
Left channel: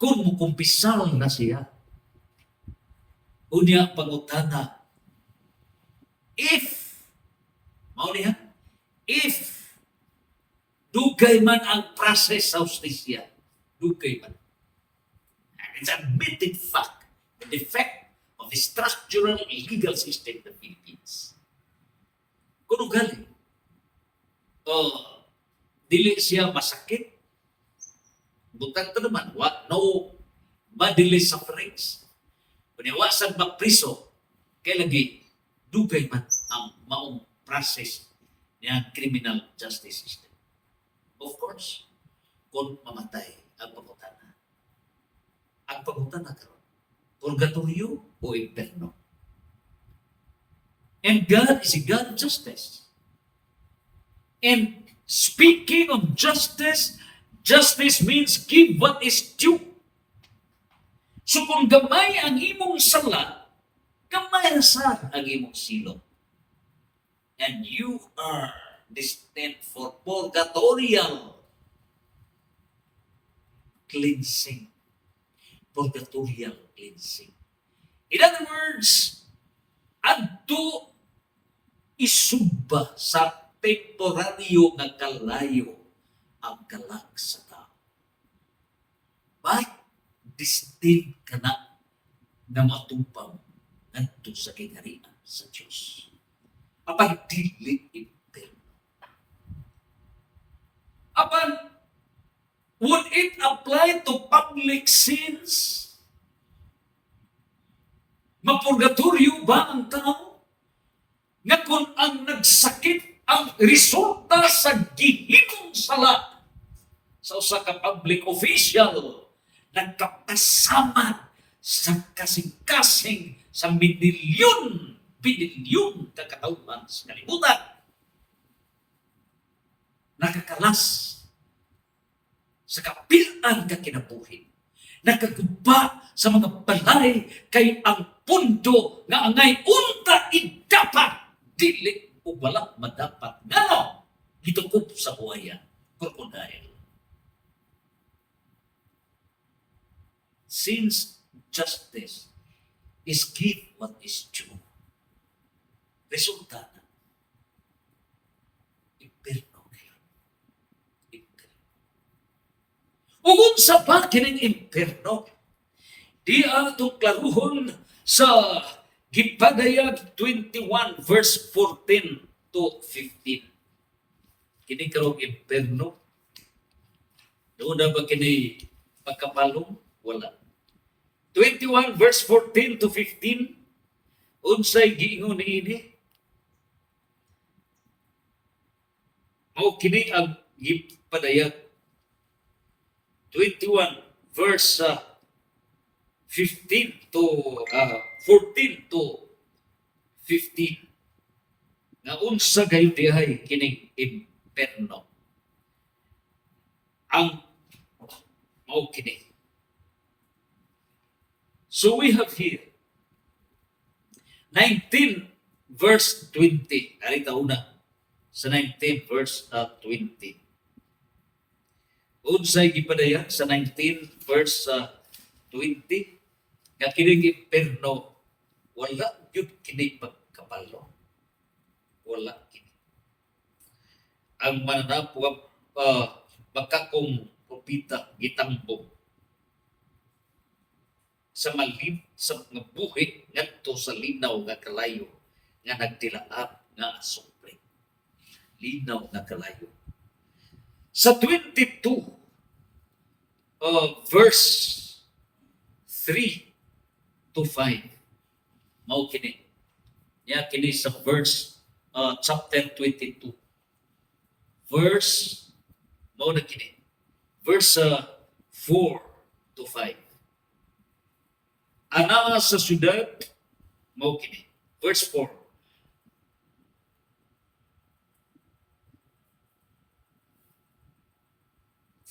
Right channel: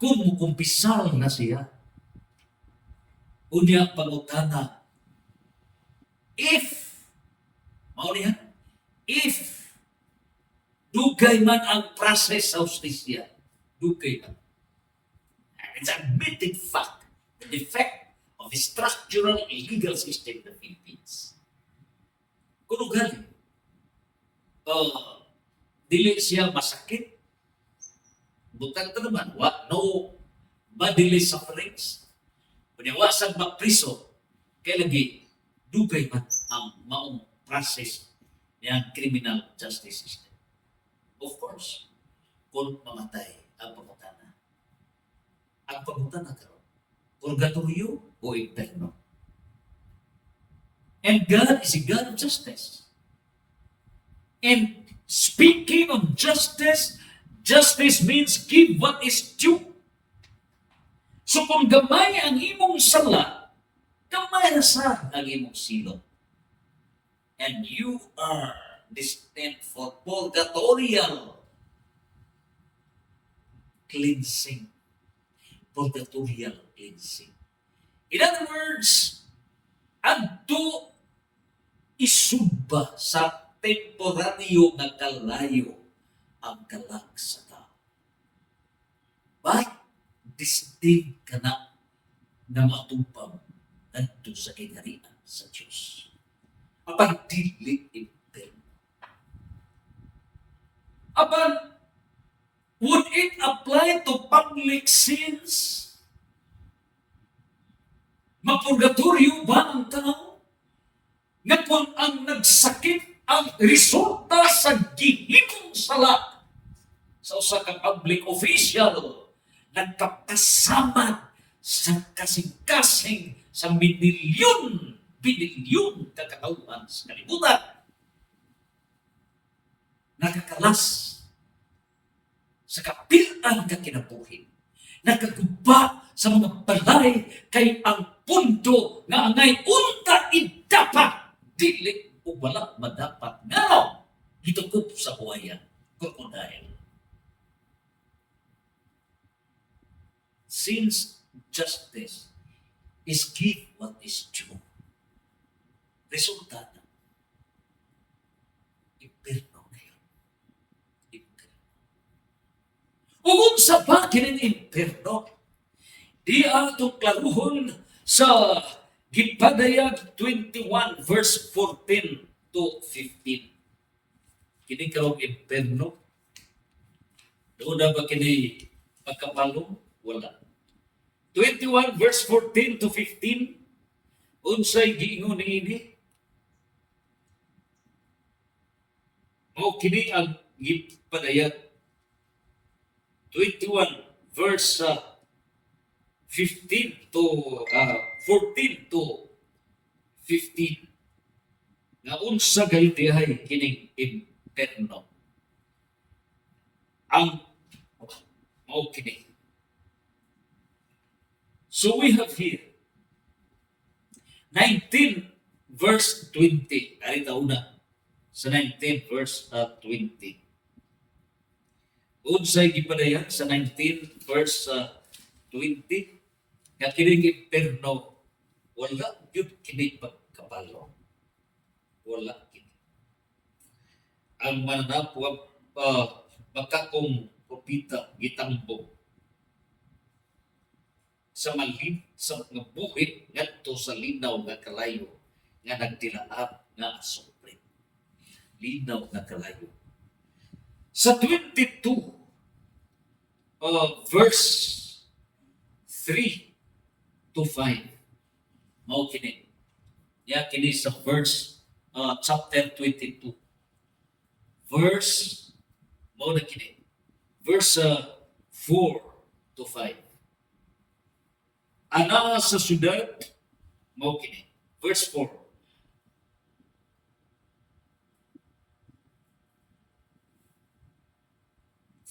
kung mukumpisal na siya. Unya pangutana, if dugay man ang process sa justisya, dugay man. And it's a admitted fact, the defect of the structural legal system in the Philippines. Kung ugali, dili siya masakit, butang ito naman, no bodily sufferings, paniwasang mapriso, kaya lagi, dugay man ang maong process ng criminal justice system. Of course, kung mamatay ang pangutana. Ang pangutana karon, purgatorio o inferno. And God is a God of justice. And speaking of justice, justice means give what is due. So kung gamay ang imong sala, gamay na sa ang imong silot. And you are destined for purgatorial cleansing. Purgatorial cleansing. In other words, adto isubba sa temporaryo nga kalayo ang kalag sa tao. But destined ka na matupang nandito sa kingharian sa Diyos. Apang dili imperno. Apang would it apply to public sins? Mapurgatoryo ba ang tao? Nga kung ang nagsakit ang resulta sa gihimong sala sa usa ka public official, nagkapasamad sa kasing-kasing sa binilyon kakatauhan sa kalibutan. Nakakalas sa kapilan ka kinabuhi. Nakaguba sa mga balay kay ang pundo nga angay unta idapat dili o wala madapat. Ngano? Gitukup sa buhayan. Crocodile. Since justice is give what is due, resulta na, imperno kayo. Imperno. Ugong sa bakin ng imperno, di atong klaruhon sa Gipadayag 21 verse 14 to 15. Kini karong imperno, doon na ba kini pagkapalong? Wala. 21 verse 14 to 15, unsay giingon niini? O kini ang Gipadayag 21 verse 15 to 14 to 15. Nga unsa gayud dihay kining imperno. Ang mao kini. So we have here 19 verse 20. Narita una sa 19 verse 20. Unsay gipadayag sa 19 verse 20. Nga kining imperno, wala yun kini pagkapalo. Wala kini. Ang mananapuang makakong propita gitambong sa malin sa mga buhi ngadto sa linaw nga kalayo nga nagtilaap nga asupre. Linaw nga kalayo. Sa 22 verse 3 to 5 mao kini. Ya kini sa verse chapter 22. Verse, mao na kini. Verse 4 to 5. Ana sa syudad, mao kini. Verse 4.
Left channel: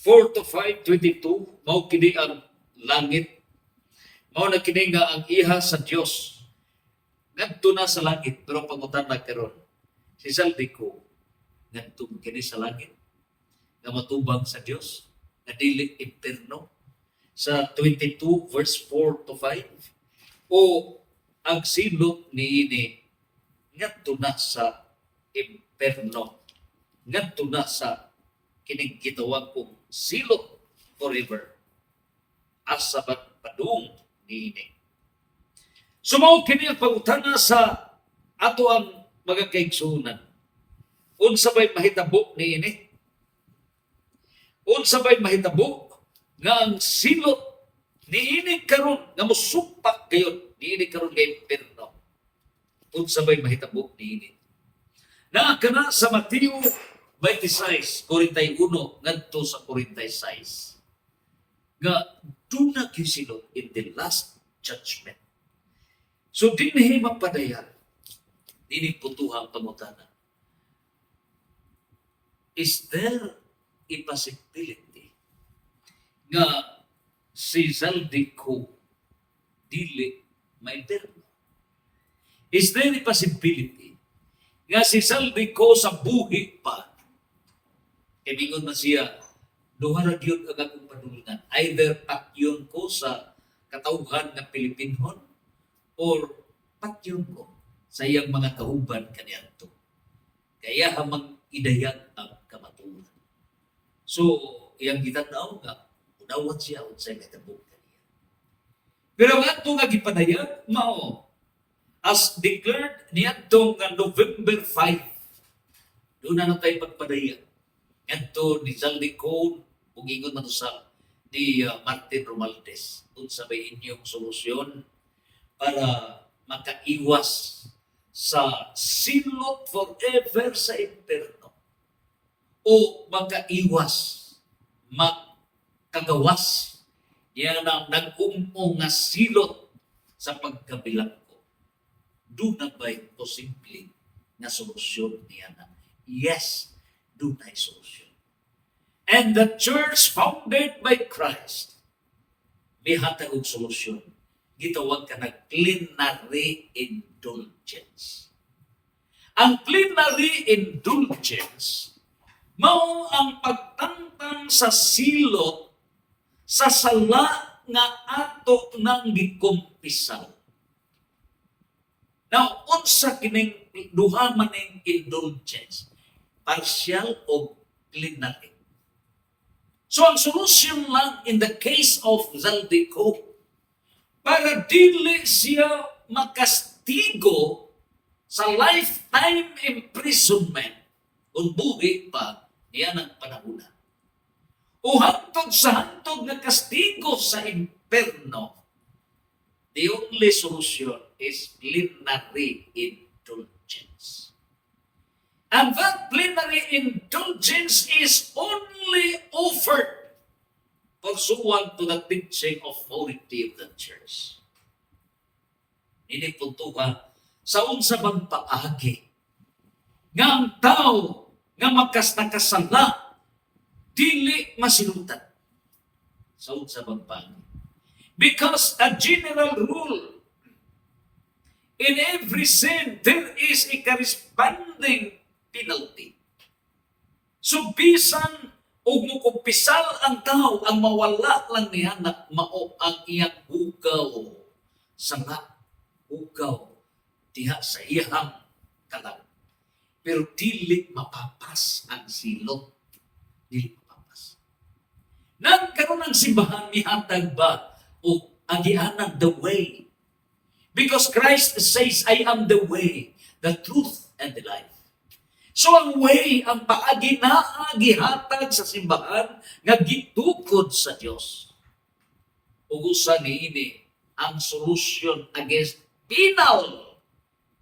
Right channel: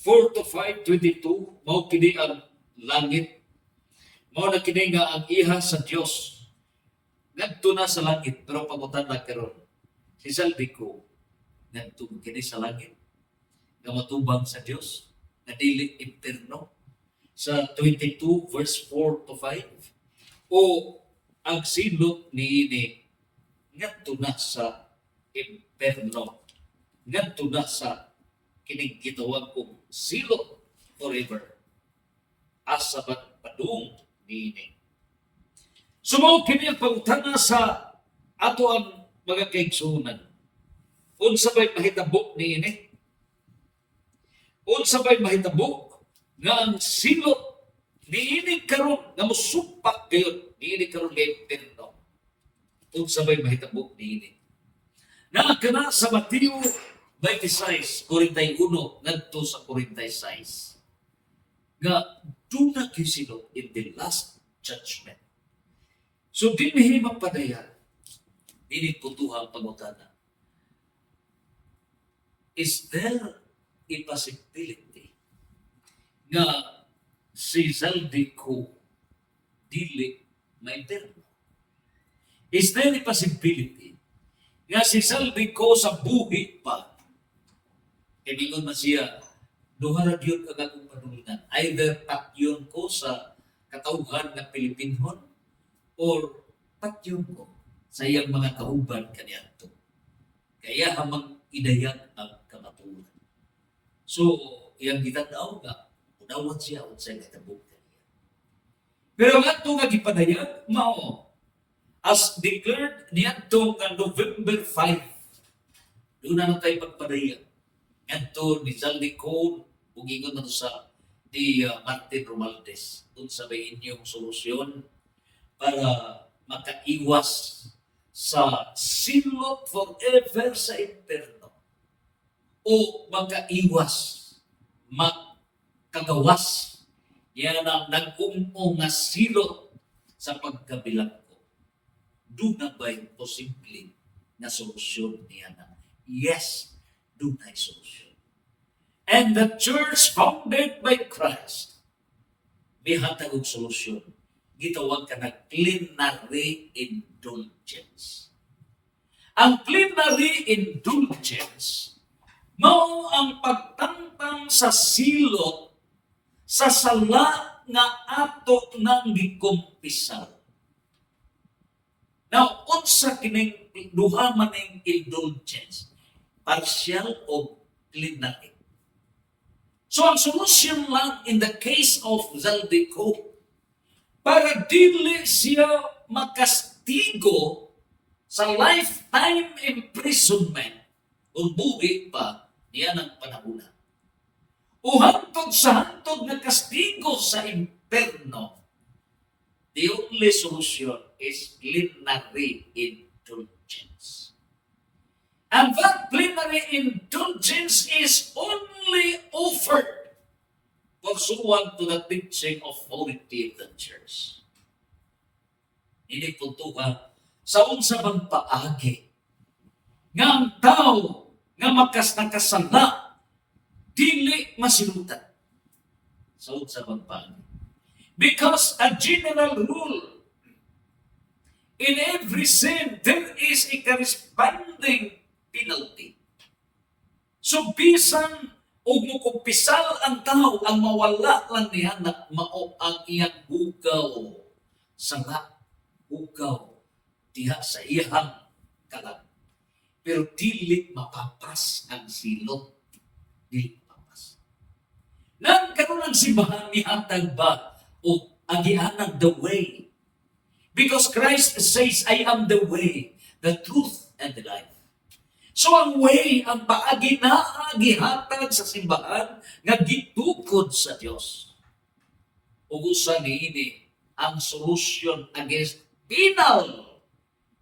Four to 5, 22, mao kini ang langit. Mao na kini nga ang iha sa Dios. Ngadto na sa langit, pero pangutan na karon. Si Zaldiko, ngadto kini sa langit, nga matubang sa Dios, nga dili impierno. Sa 22 verse 4 to 5, o ang silot niini ngadto na sa impierno, ngadto na sa kining gitawag kong silot forever, asa padung niini. Sumaw kini ang pangutana sa ato ang mga kaigsunan. Unsa bay mahitabo niini? Unsa bay mahitabo nga ang silot niini karon nga mosupak gayud niini karon kay impierno? Unsa bay mahitabo niini? Naa kana sa Mateo 26, 41 ngadto sa 46. Nga do not you silot in the last judgment. So dinhi mapadayan, dili putuha ang pangutana. Is there a possibility nga si Zaldiko dili maimperno? Is there a possibility nga si Zaldiko sa buhi pa, ibingon man siya, duha ra gyud ang akong padulungan. Either patyon ko sa katawhan nga Pilipinhon or patyon ko sa iyang mga kauban kaniadto. Kaya hamang idayag ang kamaturan. So, iyang gitanaw nga, unawat siya unsay nahitabo kaniya. Pero nga ito nga gipadayag, mao, as declared niadto nga November 5, doon na tayo pagpadayag. Ito ni Zaldiko, kung ingon man sa ni Martin Romualdez, kung sabay inyong solusyon para makaiwas sa silot forever sa impierno o makaiwas, makagawas yan ang nag-umo nga silot sa pagkabilang ko. Do na ba'y posible na solusyon niya na? Yes, do na solusyon. And the church founded by Christ, may hatag og solusyon. Gitawag ka na plenary indulgence. Ang plenary indulgence, mao ang pagtangtang sa silot sa sala nga ato nang gikumpisal. Now, unsa kining duha maning indulgence? Partial o plenary. So, ang solusyon lang in the case of Zaldiko, para dili siya makastigo sa lifetime imprisonment kung buhi pa niya ng panahuna. O hantod sa hantod na kastigo sa imperno, the only solution is plenary indulgence. And that plenary indulgence is only offered pursuant to the teaching authority of the church. Ini puntuha sa unsa bang paagi nga ang tao nga nakasala dili masilutan sa unsa bang paagi. Because a general rule, in every sin there is a corresponding penalty. So bisan og mukumpisal ang tao, ang mawala lang niya na mao ang iyang hugaw sa hugaw diha sa iyang kalag. Pero dili mapapas ang silot. Dili mapapas. Nang karon ang simbahan mihatag ba o agianan the way? Because Christ says, I am the way, the truth, and the life. So ang way, ang paagi na gihatag sa simbahan nga gitukod sa Dios. Ugusan niini ang solution against penal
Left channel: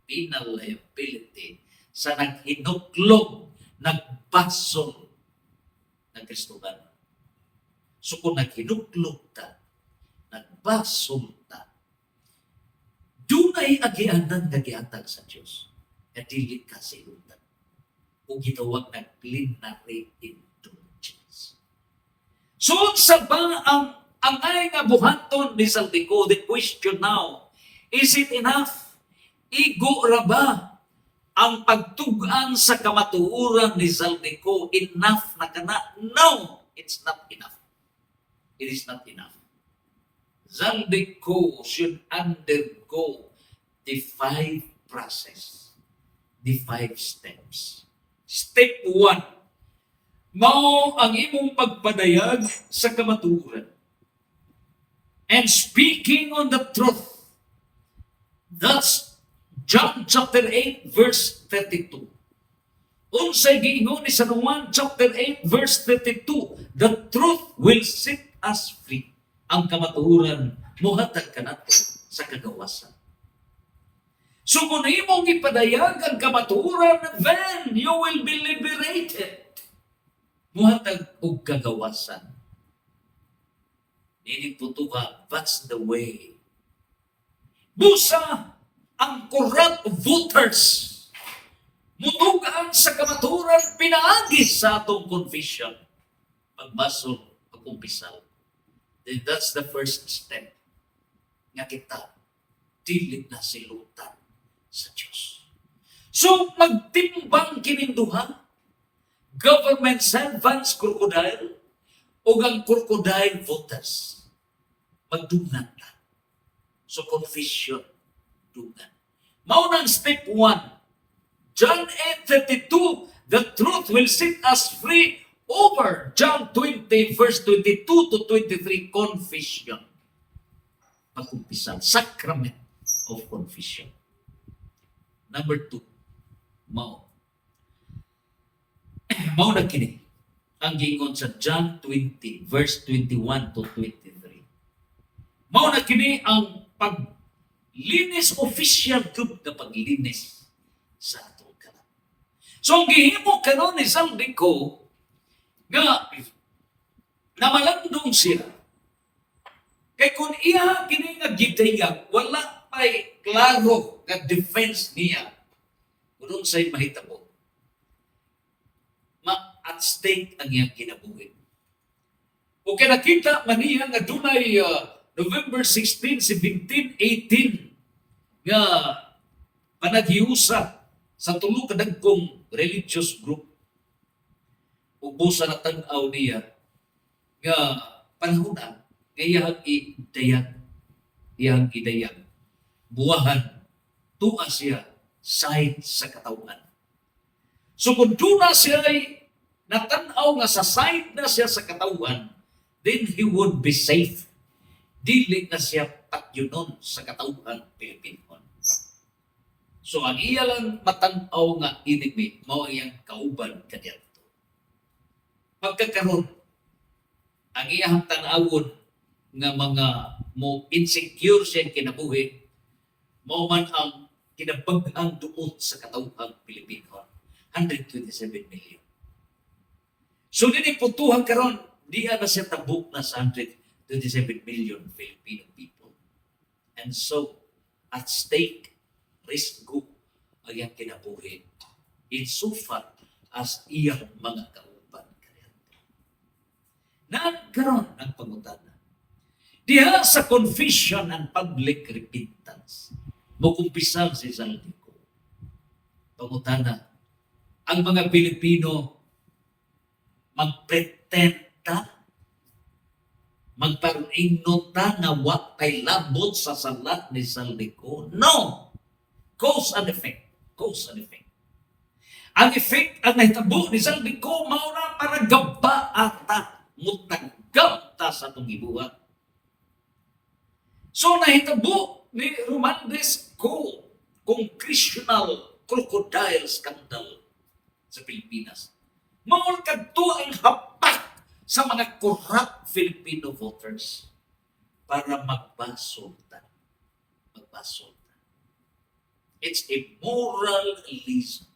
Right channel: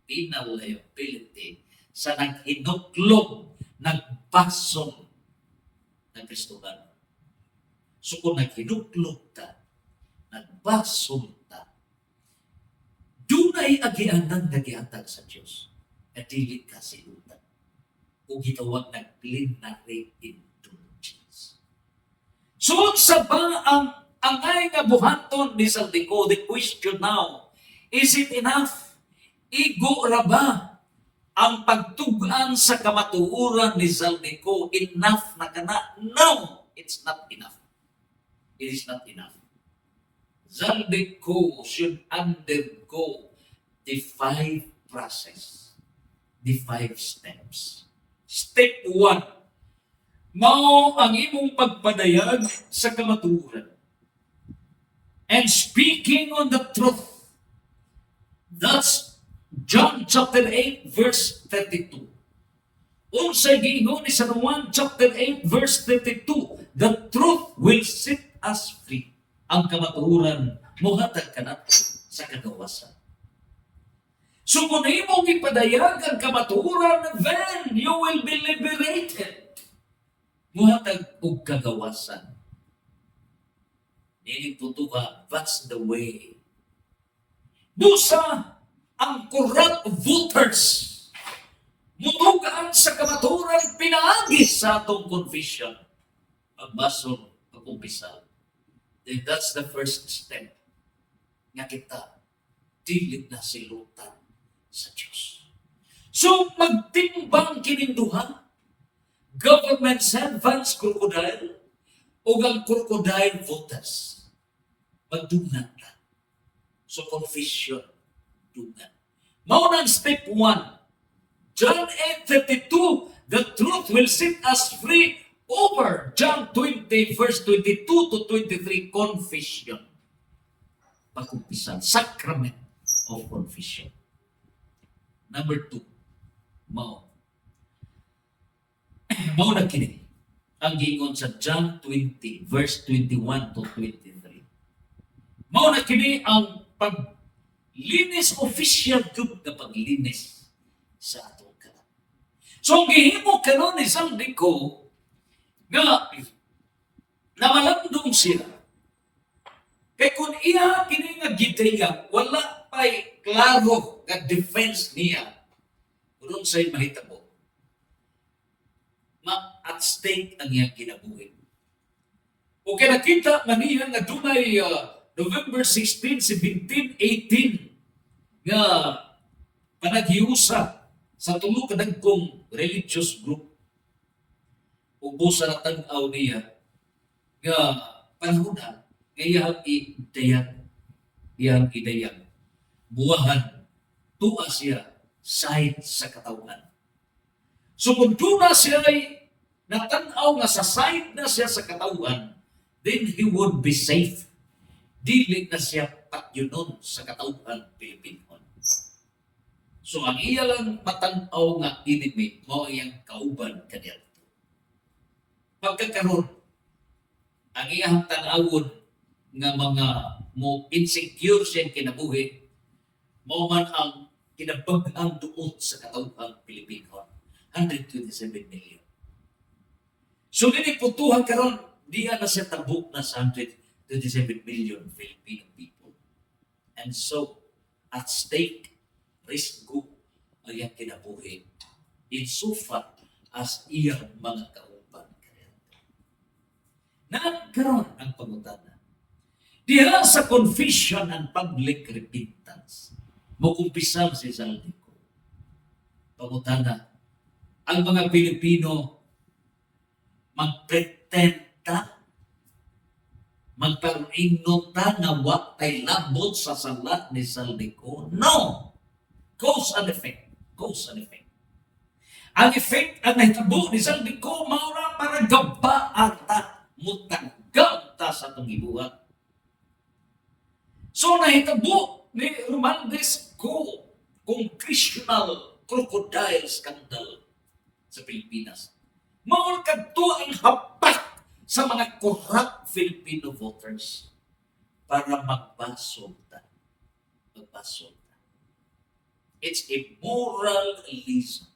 liability sa naghinuklog, nagbasol ng Kristohan. So kung naghinuklog ta, nagbasol ta, dunay agianan nga gihatag sa Dios. At dili ka silutan. O gitawag ng plenary indulgence. So sa ba ang angay nga buhaton ni Saldico, the question now, is it enough? Igo ra ba ang pagtugan sa kamatuoran ni Saldico? Enough na kana? No, it's not enough. It is not enough. Saldico should undergo the 5 process, the 5 steps. Step 1, mao ang imong pagpadayag sa kamatuoran. And speaking on the truth. That's John chapter 8 verse 32. Unsay giingon ni San Juan chapter 8 verse 32, the truth will set us free. Ang kamatuoran mohatag kanato sa kagawasan. So kung imong ipadayag ang kamatuoran, then you will be liberated. Muhatag og kagawasan. Nini tutuha, that's the way. Busa ang corrupt voters. Mutugaan sa kamatuoran, pinaagi sa atong confession. Pagbasol, pag-umpisal. Then that's the first step. Nga kita, dili na silutan sa Diyos. So, magtimbang kininduha, government servants, crocodile, o ang crocodile voters. Magdungan na. So, confession, dungan. Maunang step 1, John 8:32, the truth will set us free over John 20, verse 22 to 23, confession. Pag-umpisan, sacrament of confession. Number 2, mao na kini ang giingon sa John 20 verse 21 to 23. Mao na kini ang paglinis, official group na paglinis sa atong kanan. So ang gihimo karon ni Saldico nga namalandong siya. Kay kung iya kini nga gidayag, wala pa'y klaro nga defense niya. Kung sa'y mahitabo, at stake ang iyang kinabuhi. O kaya nakita maniya nga dunay November 16, 17, 18 nga panaghiusa sa tulo ka dagkong religious group. Ubusa na tanaw niya nga panahon na nga iyang idayag. Buwahan, tuwa siya side sa katawan. So kung doon na siya ay natanaw nga sa side na siya sa katawan, then he would be safe. Dili na siya patyunon sa katawan Pilipinon. So ang iya lang matanaw nga enemy, mao iyang kauban kaniyadto. Pagkakaroon, ang iyang tanawon nga mga mo insecure siya kinabuhi, mao man ang kinabag-ang duot sa katawhang Pilipino, 127 million. So nini putuhan karon, diya na siya tabuk na sa 127 million Filipino people. And so, at stake, risk go ang iyang kinabuhi insofar as iyang mga kauban. Nagkaroon ang pangutana. Diha sa confession and public repentance, mukumpisal si Saldico. Pangutana, ang mga Pilipino magpretenta, magparinota na wakay labot sa salat ni Saldico? No! Cause and effect. Cause and effect. Ang effect ang nahitabo ni Saldico, maura para gaba ata, mutagam ta sa itong ibuhat. So nahitabo ni Romualdez ko congressional crocodile scandal sa Pilipinas. Maul kadto ang hapak sa mga corrupt Filipino voters para magbasulta. Magbasulta. It's a moral reason.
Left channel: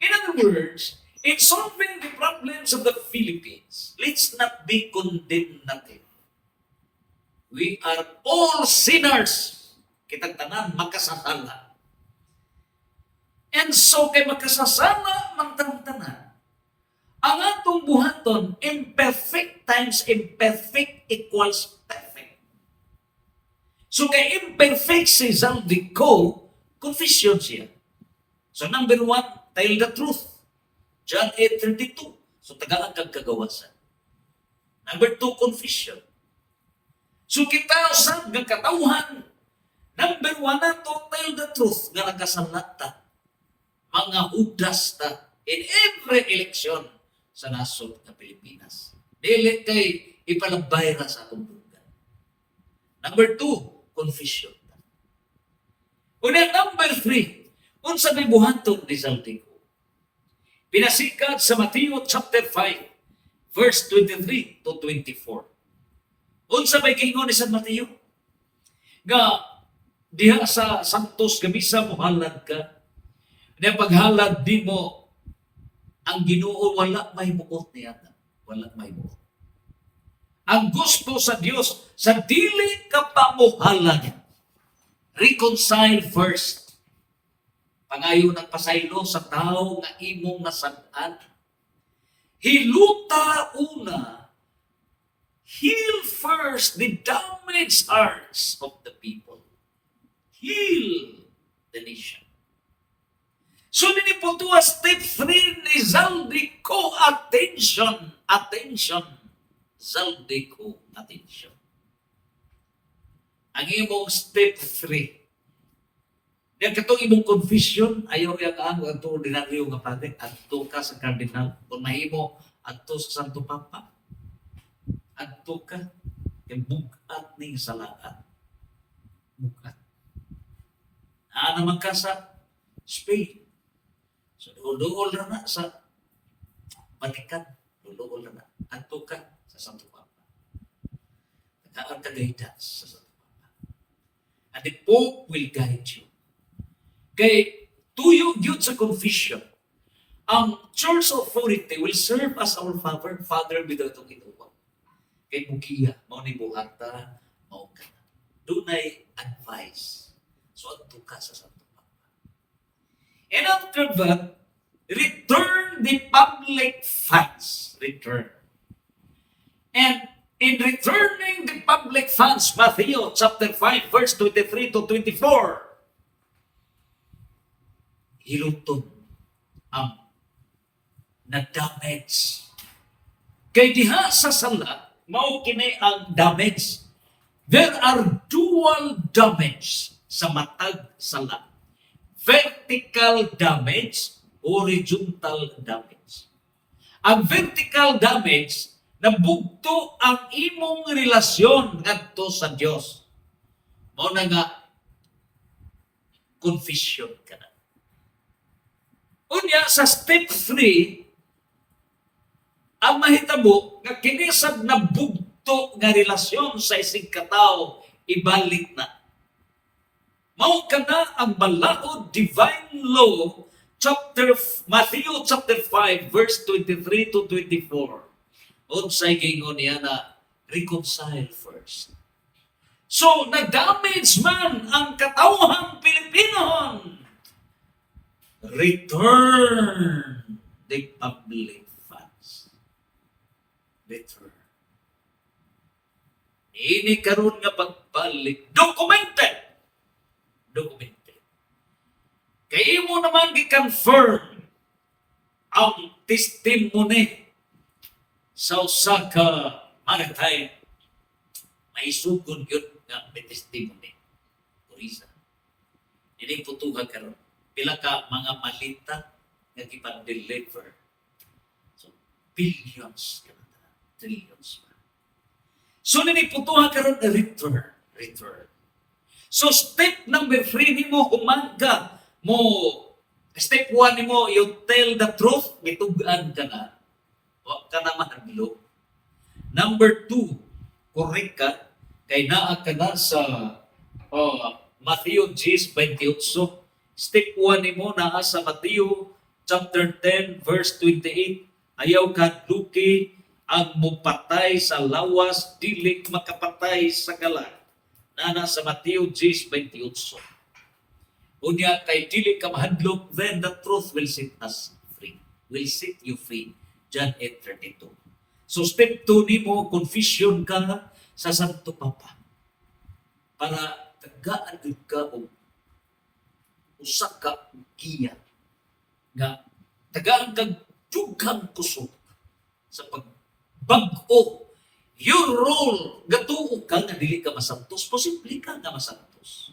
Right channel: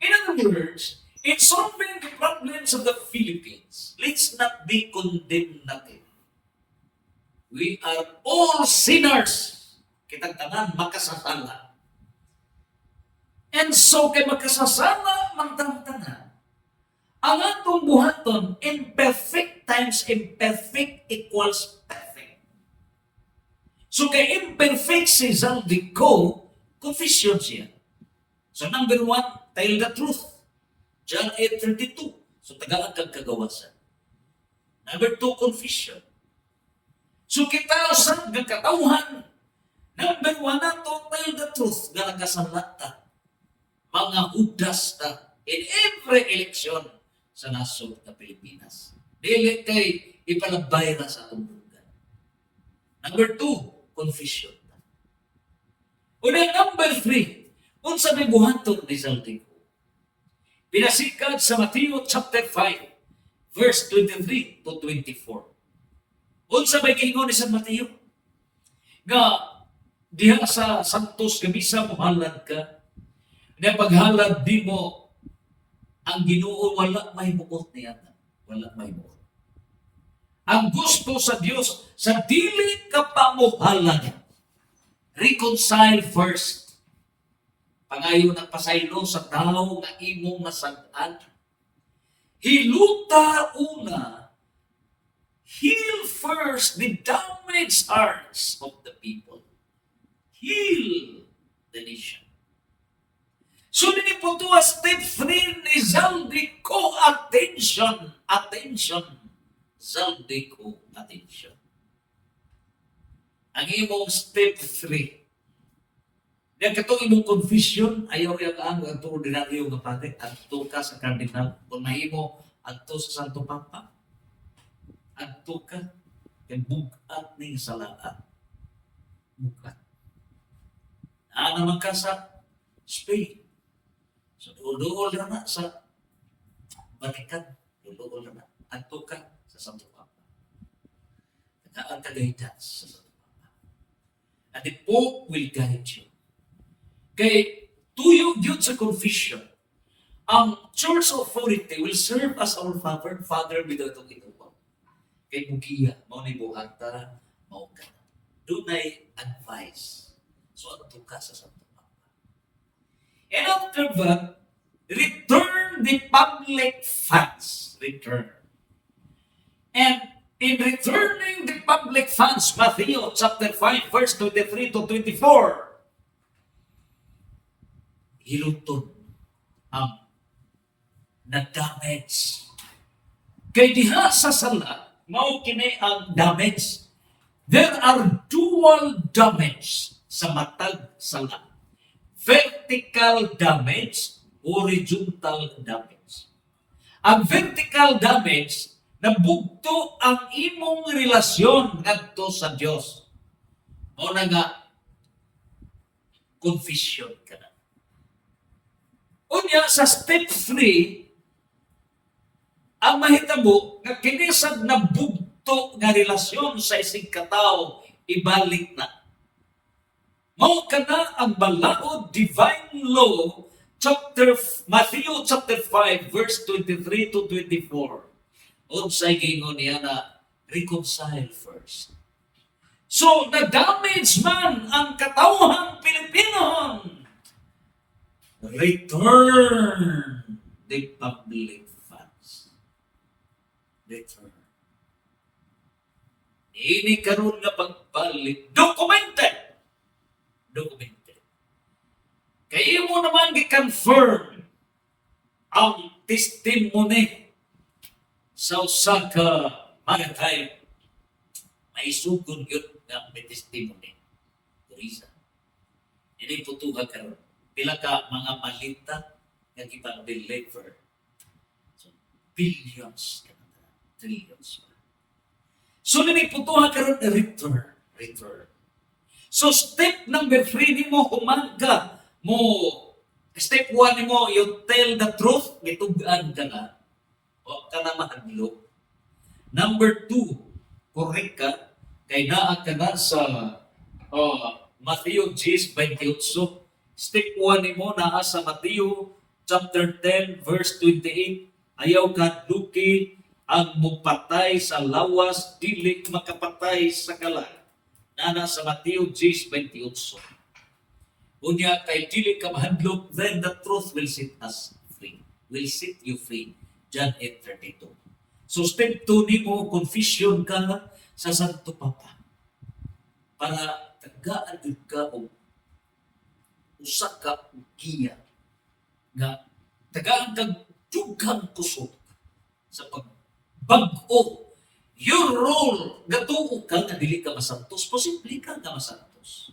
In other words, in solving the problems of the Philippines, let's not be condemnative. We are all sinners. Kitang tanan makasasala. And so kay makasasala man tanan. Ang atong buhaton, imperfect times imperfect equals perfect. So kay imperfect si Zaldico, confession siya. So number 1, tell the truth. John 8:32. So tagaan kag kagawasan. Number 2, confession. So kita usab nga katawhan. Number 1 nato, tell the truth nga nakasalata. Mga hudas ta in every election sa nasod ng Pilipinas. Dili kay ipalabay ra sa atong bugan. Number 2, confession. Una, number 3, unsa may buhaton ni Zaldico. Pinasikat sa Mateo chapter 5, verse 23 to 24. Unsa may giingon ni San Mateo? Nga diha sa Santos Gamisa mohalad ka. Na paghalad di mo ang Ginoo wala may buot niya. Wala may buot. Ang gusto sa Dios sa dili ka pamuhalad. Reconcile first. Pangayo ng pasaylo sa tao nga imong nasad-an. Hiluta una. Heal first the damaged hearts of the people. Heal the nation. So nini po to step 3 ni Zaldico, attention, attention. Zaldico, attention. Ang imong step 3. Yan katong imong confession, ayaw yung ang ordinaryo nga pati, adto ka sa kardinal, kung mahimo, adto sa Santo Papa. Adto ka, yung bugat ning salaan. Bugat. Naman ka sa Spain. So, duol na sa Vatican. Duol na. Adto ka sa Santo Papa. Nagkaan ka guidance sa Santo Papa. And the Pope will guide you. Kay tuyo yun sa confession, ang church authority will serve as our father without itong inuwa. Kay mugiya, mao ni buhata, mao ka na. Dunay advice. So, adto ka sa Santo Papa. And after that, return the public funds. Return. And in returning the public funds, Matthew chapter 5, verse 23 to 24, hiluton ang na-damage. Kay diha sa sala, mao kini ang damage. There are dual damage sa matag sala. Vertical damage, horizontal damage. Ang vertical damage, nabugto ang imong relasyon ngadto sa Dios. Mao na nga confession ka na. Unya sa step 3, ang mahitabo nga kini sad nabugto nga relasyon sa isig katawo ibalik na. Mao kana ang balaod divine law Matthew chapter 5 verse 23 to 24. Unsay gingon niya na reconcile first. So na-damage man ang katawhang Pilipinohon. Return the public funds. Return. Ini karon nga pagbalik documented. Kaya mo naman gi-confirm ang testimony sa usa ka magatay. May sugod yun nga may testimony. Kurisa. Hindi putuha karon. Pila ka mga malita nga gipan-deliver. So, billions ka na. Trillions pa. So, nini putuha karon return. So, step number 3 ni mo, humangga mo. Step 1 ni mo, you tell the truth, gitugan ka na. O ka na mahadlo. Number 2, correct ka, kay naa ka na sa Matthew 10:28. Step 1 ni mo, naa sa Matthew chapter 10, verse 28, ayaw kadluki ang mupatay sa lawas, dili makapatay sa kalag. Nana sa Mateo 10:28. Unya kay dili ka mahadlok, then the truth will set us free. Will set you free. John 8:32. So step 2 nimo, confession ka sa Santo Papa. Para tagaan ka o usa ka giya nga tagaan kag dughang kusog sa pagbag-o your role gatuo ka nga dili ka masantos, posible ka nga masantos,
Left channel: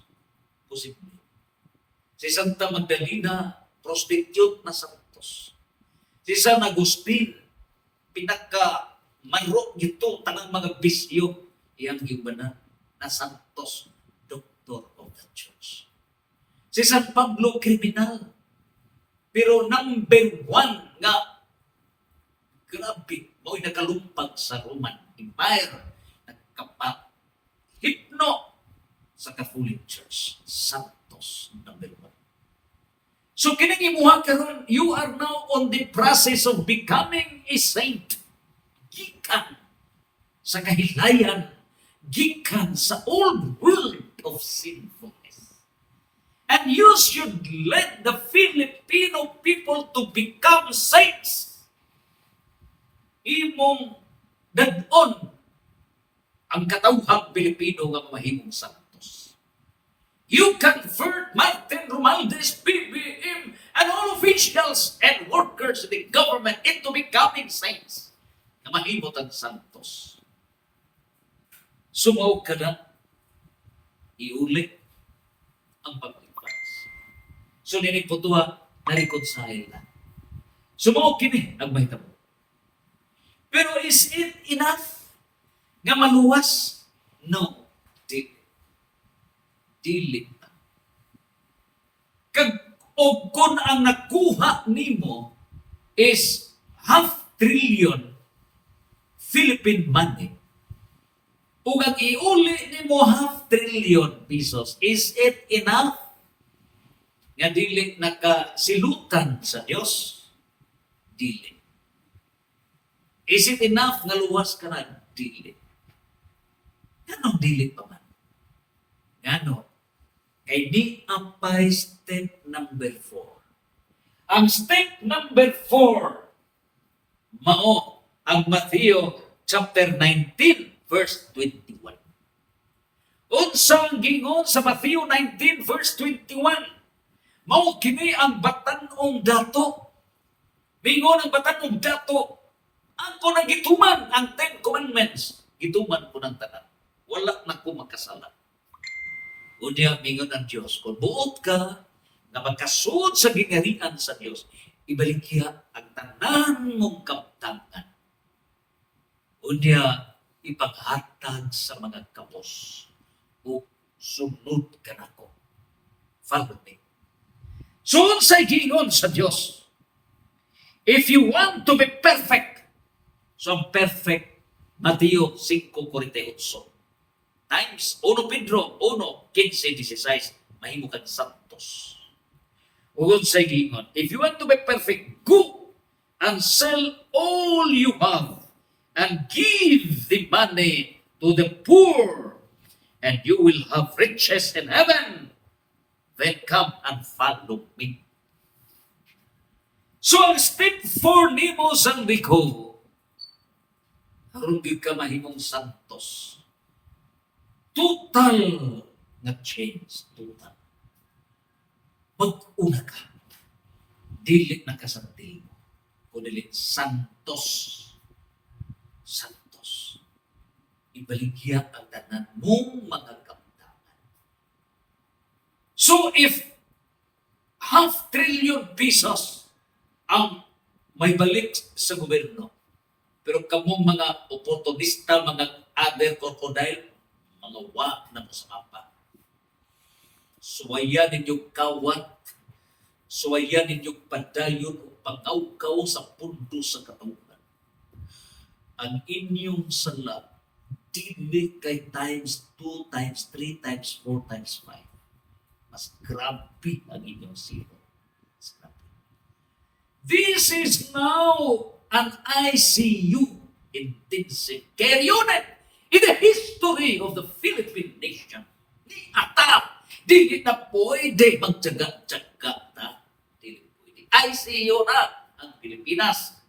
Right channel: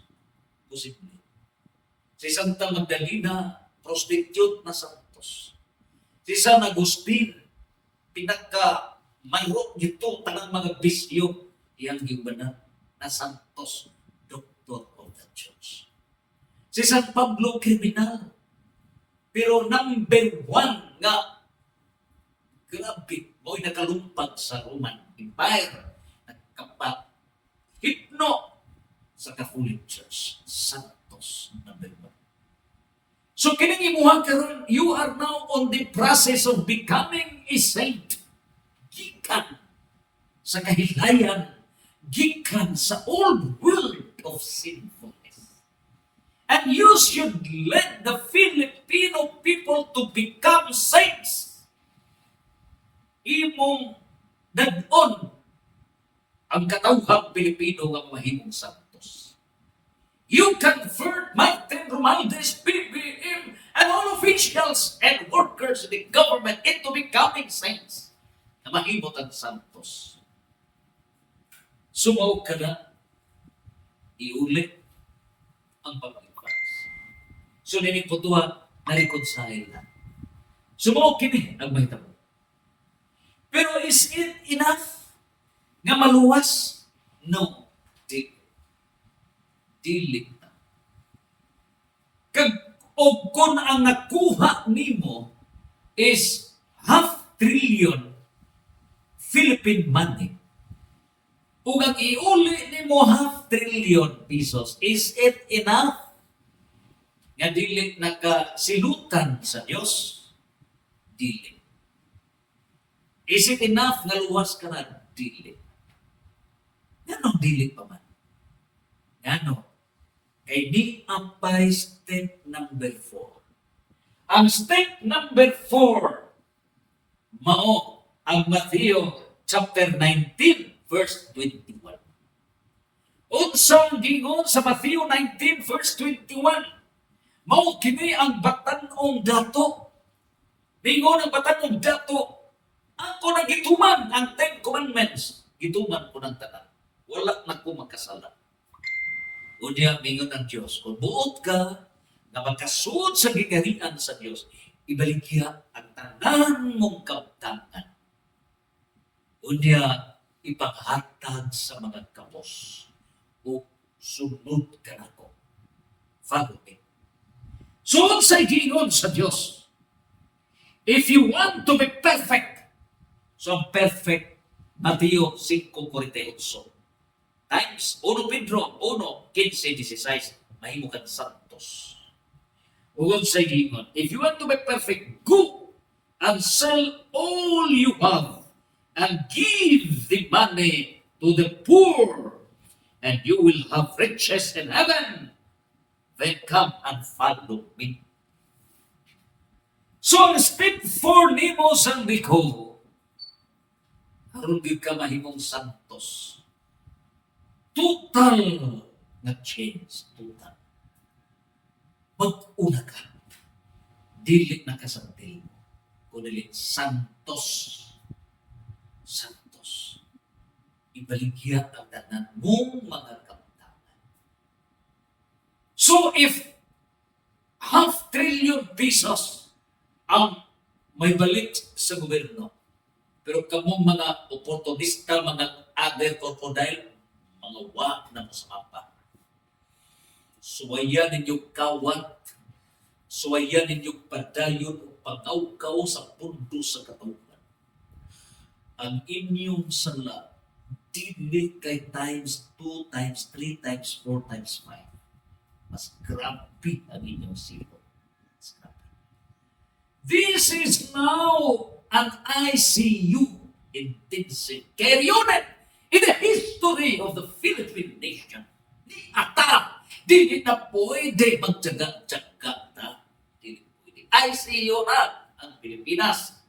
posible. Si Santa Magdalena prostitute na santos, si San Agustin pinaka manro gito tanang mga bisyo iyang gibanan na santos, doctor of the church. Si San Pablo kriminal, pero number 1 nga grabe, mo'y nakalumpag sa Roman Empire, nagkapahipno sa Catholic Church. Santos, number 1. So kining imuha karon, you are now on the process of becoming a saint. Gikan sa kahilayan, gikan sa old world of sinfulness. And you should let the Filipino people to become saints. Imong dadon ang katawhang Pilipino nga mahimong santos. You convert Martin Romualdez, BBM, and all officials and workers in the government into becoming saints na mahimot ang santos. Sumaw ka na, iulit ang paglipas. So ninig po tuwa, na-reconcile na. Sumaw kini ang mahitabo. Pero is it enough nga maluwas? No. Dili na. O kung ang nakuha nimo is 500 billion Philippine money, ug ang iuli nimo 500 billion pesos, is it enough nga dili nakasilutan sa Dios? Dili. Is it enough nga luwas ka na? Dili. Ganong dili pa man. Gano? Kay di apay step number 4. Ang step number 4, mao ang Matthew chapter 19, verse 21. Unsang gingon sa Matthew 19, verse 21, mao kini ang batan-ong dato. Bingon ang batan-ong dato, ako na gituman ang 10 commandments. Gituman ko ng tanan. Wala na ko makasala. Unya, bingon ang Diyos, kung buot ka na magkasud sa gingharian sa Diyos, ibaligya ang tanan mong kabtangan. Unya, ipaghatag sa mga kapos o sunod ka na ko. Follow me. Sunod sa gingon sa Diyos. If you want to be perfect, so perfect, Mateo 5:48. Times 1 Pedro 1:15-16, mahimo kang santos. Ugod sa gingon, if you want to be perfect, go and sell all you have and give the money to the poor, and you will have riches in heaven. Then come and follow me. So ang step 4 nimo sang biko, aron gyud ka mahimong santos. Total na change, total. Mag-una ka. Dili na ka sa dili mo. Kundi santos. Santos. Ibaligya ang tanan mong mga kamtangan. So if 500 billion pesos ang may balik sa gobyerno, pero kamong mga oportunista, mga other crocodile, mga wa na mo sa mapa. Suwayan ninyong kawat, suwayan ninyong padayon o pangawkaw sa pundo sa katawhan. Ang inyong sala, dili kay times 2, times 3, times 4, times 5. Mas grabe ang inyong silo. Mas grabe. This is now an ICU, intensive care unit, in the history of the Philippine nation. Ni ata, dili na pwede magtsaga-tsaga ta. Dili pwede. ICU na ang Pilipinas.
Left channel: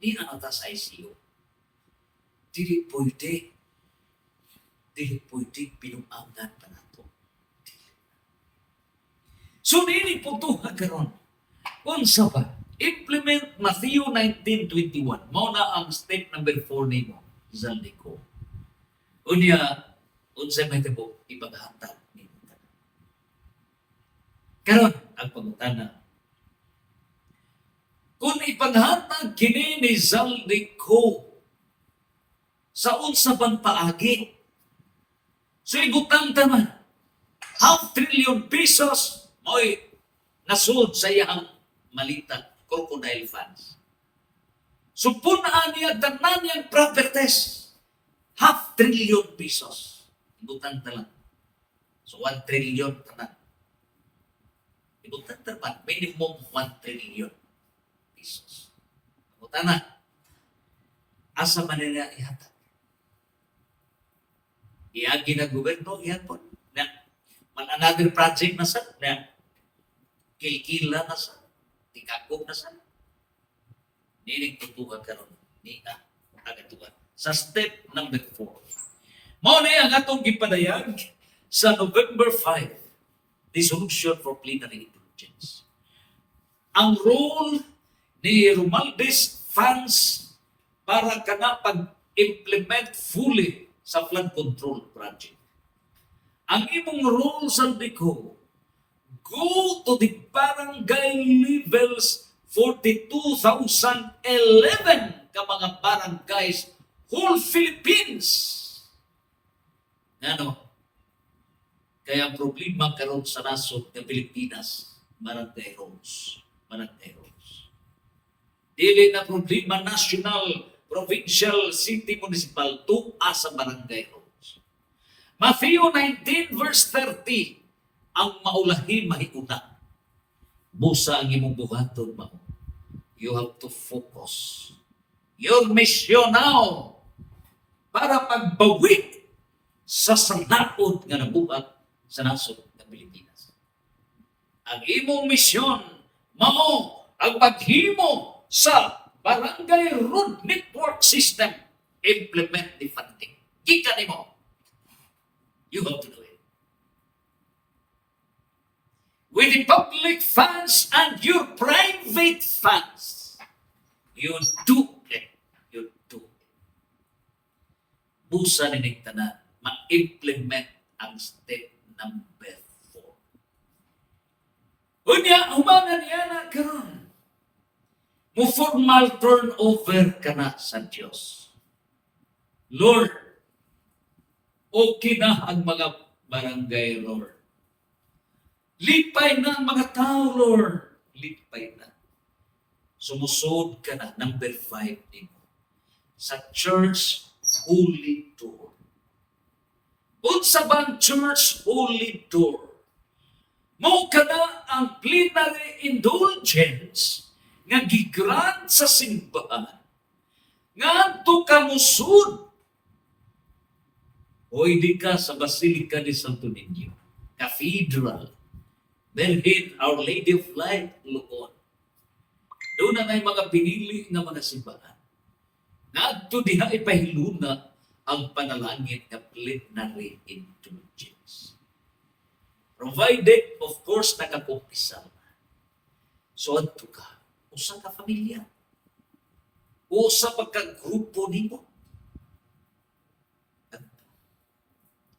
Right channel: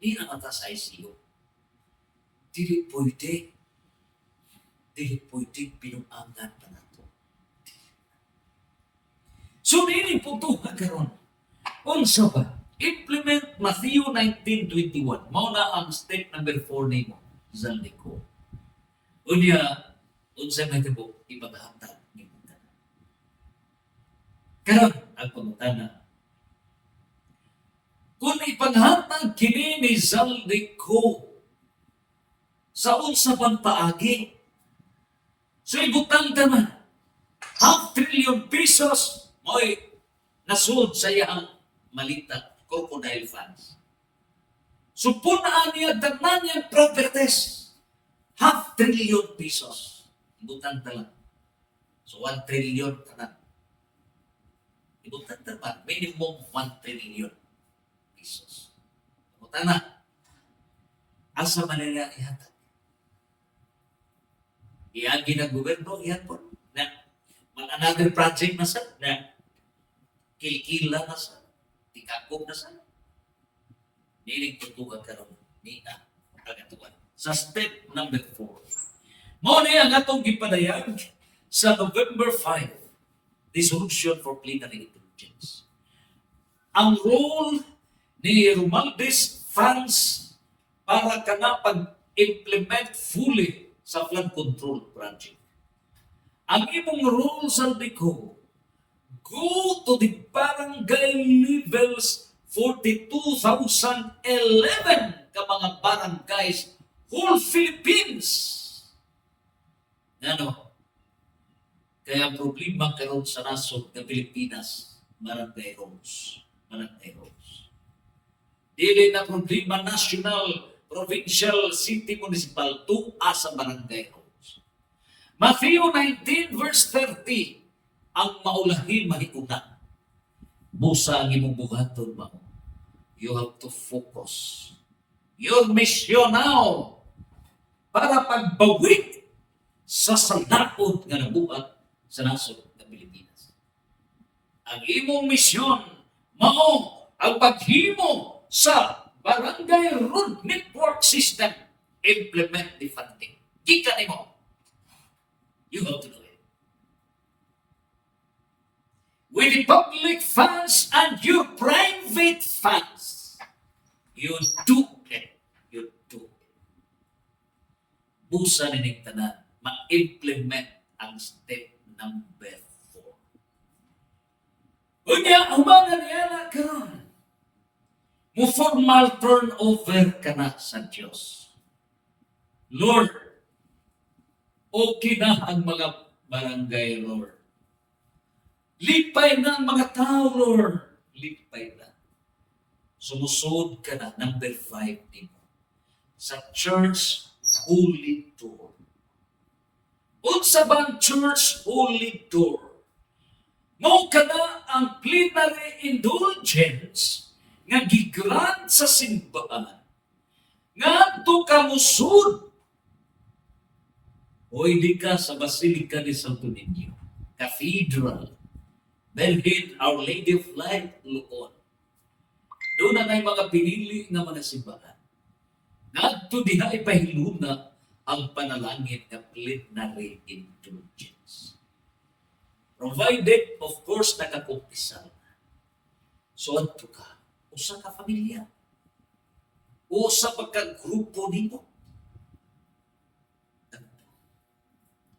Ni na ata sa ICU. Dili pwede. Dili pwede pinuangan pa nato. So, nini po ito karon. Unsa ba? Implement Matthew 19:21. Mao na ang step number 4 nimo, Zaldico. Unya, unsa may tibo ipaghatag nimo tanan. Karon ang pangutana. Kung ipaghatag kini ni Zaldico sa unsa bang paagi? So ibutang taman, 500 billion pesos mo'y nasud sa iyang malita, crocodile funds. So punaan niya tanan niyang properties, 500 billion pesos. Ibutang talan. So 1 trillion tanan. Ibutang talan, minimum 1 trillion pesos. Ibutang na, asa man nila ihatag? Iagi na gobyerno, iyan po. Na, another project na sa, na kilkila na sa, tikakog na sa. Niling tutugan karon ni agatuan. Sa step number 4. Mao ni ang atong gipadayag sa November 5, Resolution for Plenary Indulgence. Ang role ni Romualdez Funds para kana pag-implement fully sa flood control project. Ang imong role sa DICO, go to the barangay levels 42,011 ka mga barangays whole Philippines. Ano? Kaya ang problema karon sa nasod ng Pilipinas, barangay roads. Barangay roads. Dili na problema national, provincial, city, municipal, tuwa sa barangay roads. Matthew 19 verse 30, ang maulahin mahiuna. Busa ang imong buhaton mo. You have to focus. Your mission now para pagbawi sa sanakot nga nabuhat sa nasod ng Pilipinas. Ang imong misyon mao ang paghimo sa Barangay Road Network System. Implement the funding. Gikan nimo. You have to do it. With the public funds and your private funds, you do it. You do it. Busa nining tanan, ma-implement ang step number 4. Unya, humangan niya na karon. Mo formal turnover ka na sa Diyos. Lord, okay na ang mga barangay, Lord. Lipay na ang mga tao, Lord. Lipay na. Sumusod ka na, number 5 din. Sa church holy door. Unsa bang church holy door? Mao ka na ang plenary indulgence nga gigrant sa simbahan nga to kamusud o hindi ka sa Basilica de Santo Niño, Cathedral, Belhin, Our Lady of Light, Luzon. Doon na may mga pinili nga mga simbahan. Nga to diha ipahiluna ang panalangin nga plenary indulgence. Provided, of course, nakakumpisal. So, ato ka. Usa ka pamilya. Usa pagka-grupo nimo.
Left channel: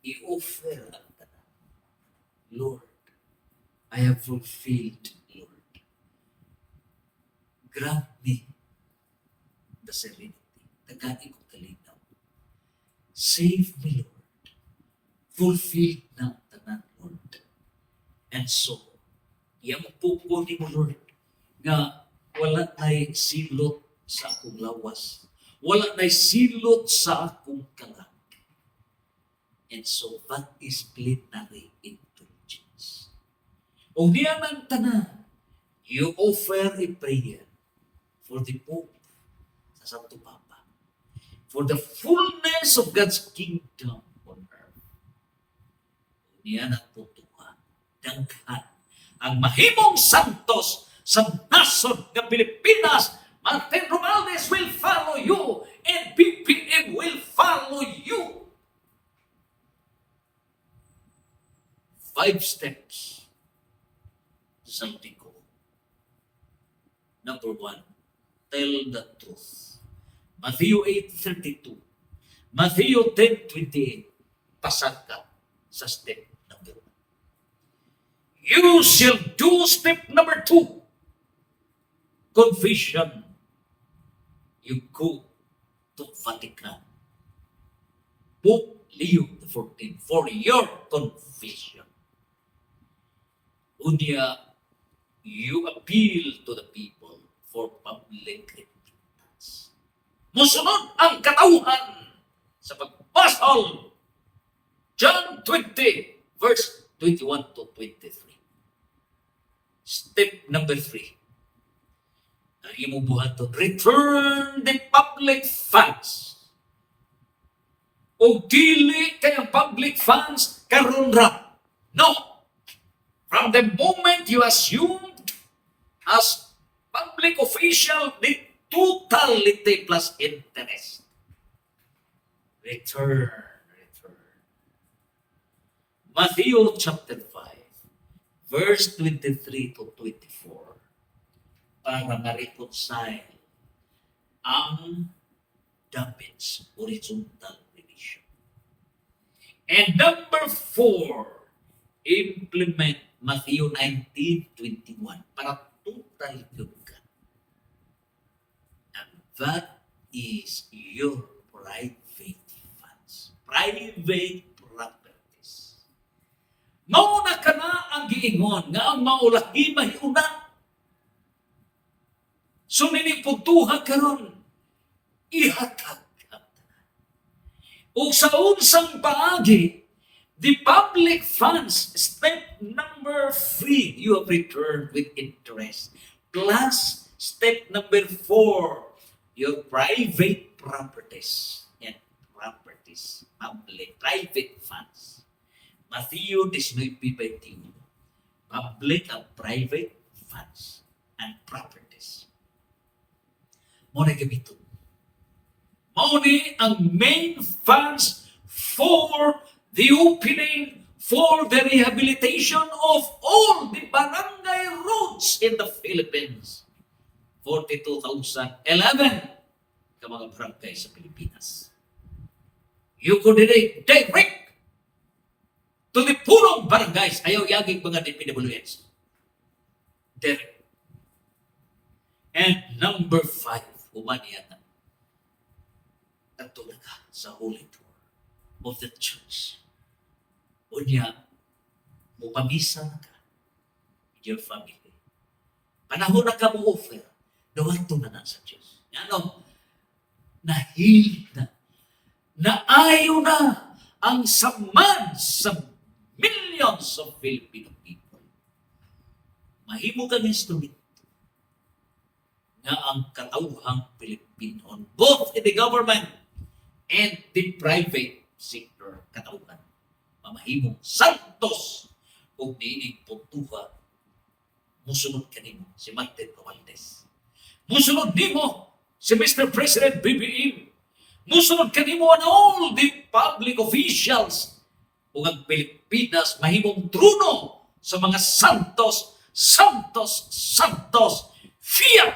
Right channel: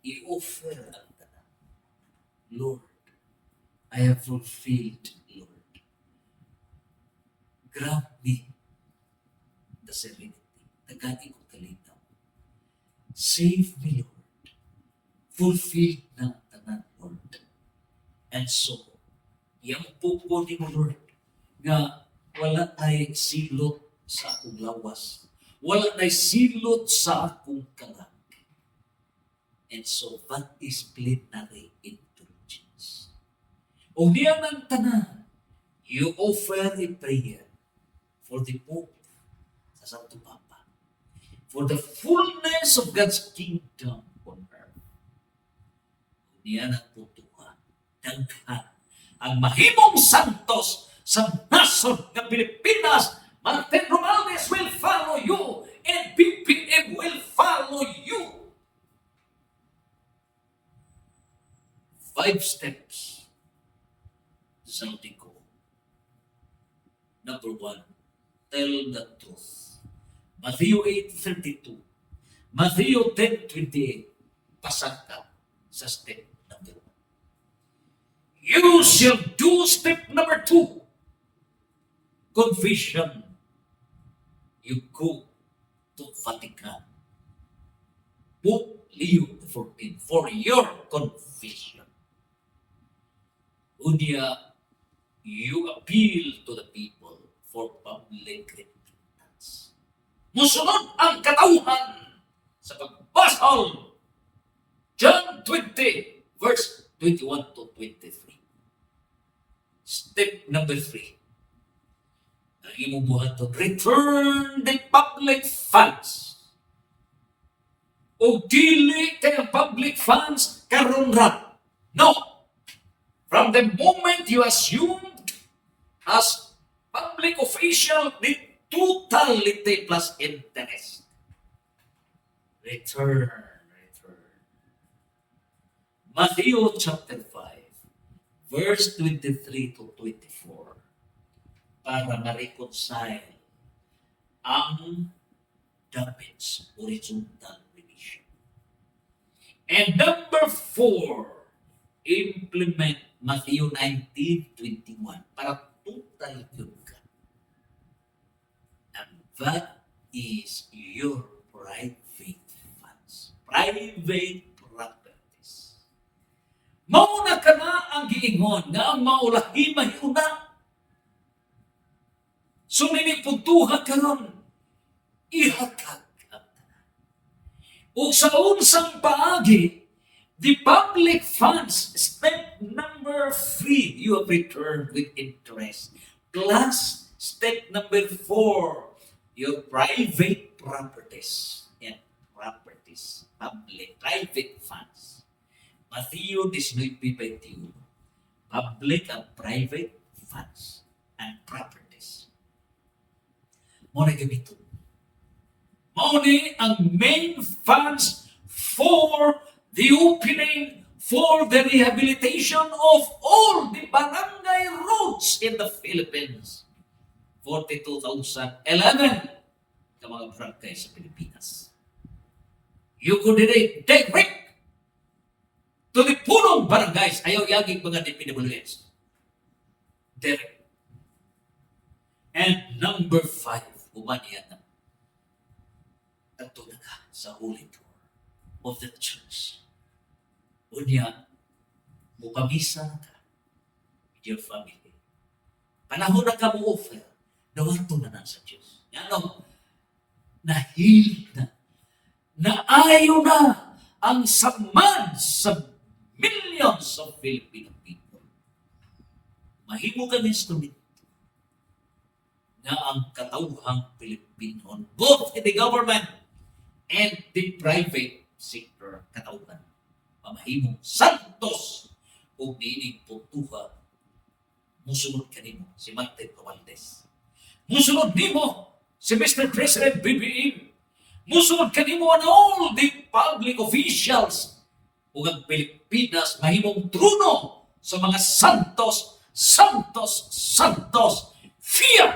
I-offer ang tanan. Lord, I have fulfilled, Lord. Grant me the serenity. Tagani ko kalinaw. Save me, Lord. Fulfill na tanan, Lord. And so, yung pupo ni mo, Lord, nga wala na'y silot sa akong lawas. Wala na'y silot sa akong kalag. And so, that is plenary indulgence. O niya ng tanan, you offer a prayer. for the Pope, sa Santo Papa, for the fullness of God's kingdom on earth. Niyan ang putuha, daghan ang mahimong santos sa nasod ng Pilipinas. Martin Romualdez will follow you and BBM will follow you. 5 steps sa ko. Number 1, tell the truth. Matthew 8:32. Matthew 10:28. Pasag ka sa step number 1. You shall do step number 2. Confession. You go to Vatican. Pope Leo XIV for your confession. Unya, you appeal to the people for public repentance. Musunod ang katauhan sa pagbasal. John 20, verse 21 to 23. Step number 3. Ang imong buhaton, return the public funds. O dili kayang public funds karon ra. No. From the moment you assumed as public official the totality plus interest. Return. Matthew chapter 5, verse 23 to 24. Para ma-reconcile ang damage, horizontal division. And number 4, implement Matthew 19:21 para total yun ka. And that is your private funds. Private properties. Mauna ka na ang giingon nga ang maulahi mahiuna. So ninipuntuha ka ron, ihatag ka. O sa unsang paagi, the public funds, step number 3, you have returned with interest. Plus, step number 4, your private properties. Yan, properties, public, private funds. Matthew 19:21. Public and private funds and properties. Muna gamiton. Mauni ang main funds for the opening for the rehabilitation of all the barangay roads in the Philippines. 42,011 ka mga barangay sa Pilipinas. You could direct to the punong barangays. Ayaw yagig mga DPWH. Direct. And number 5, umaniyan na. Ato na ka sa holy door of the church. Unya, mupamisa na ka with your family. Panahon na ka mo offer, dawato na na sa Diyos. Ano? Nahil na. Naayo na ang samad sa millions of Filipino people. Mahimo ka ng instrumento na ang katauhang Pilipino, both in the government and the private sector katauhan. Mamahimong santos kung diinig puntuha, musunod kanimo si Martin Romualdez. Musunod nimo si Mr. President BBM. Musunod kanimo and all the public officials ug ang Pilipinas mahimong trono sa mga santos. Fear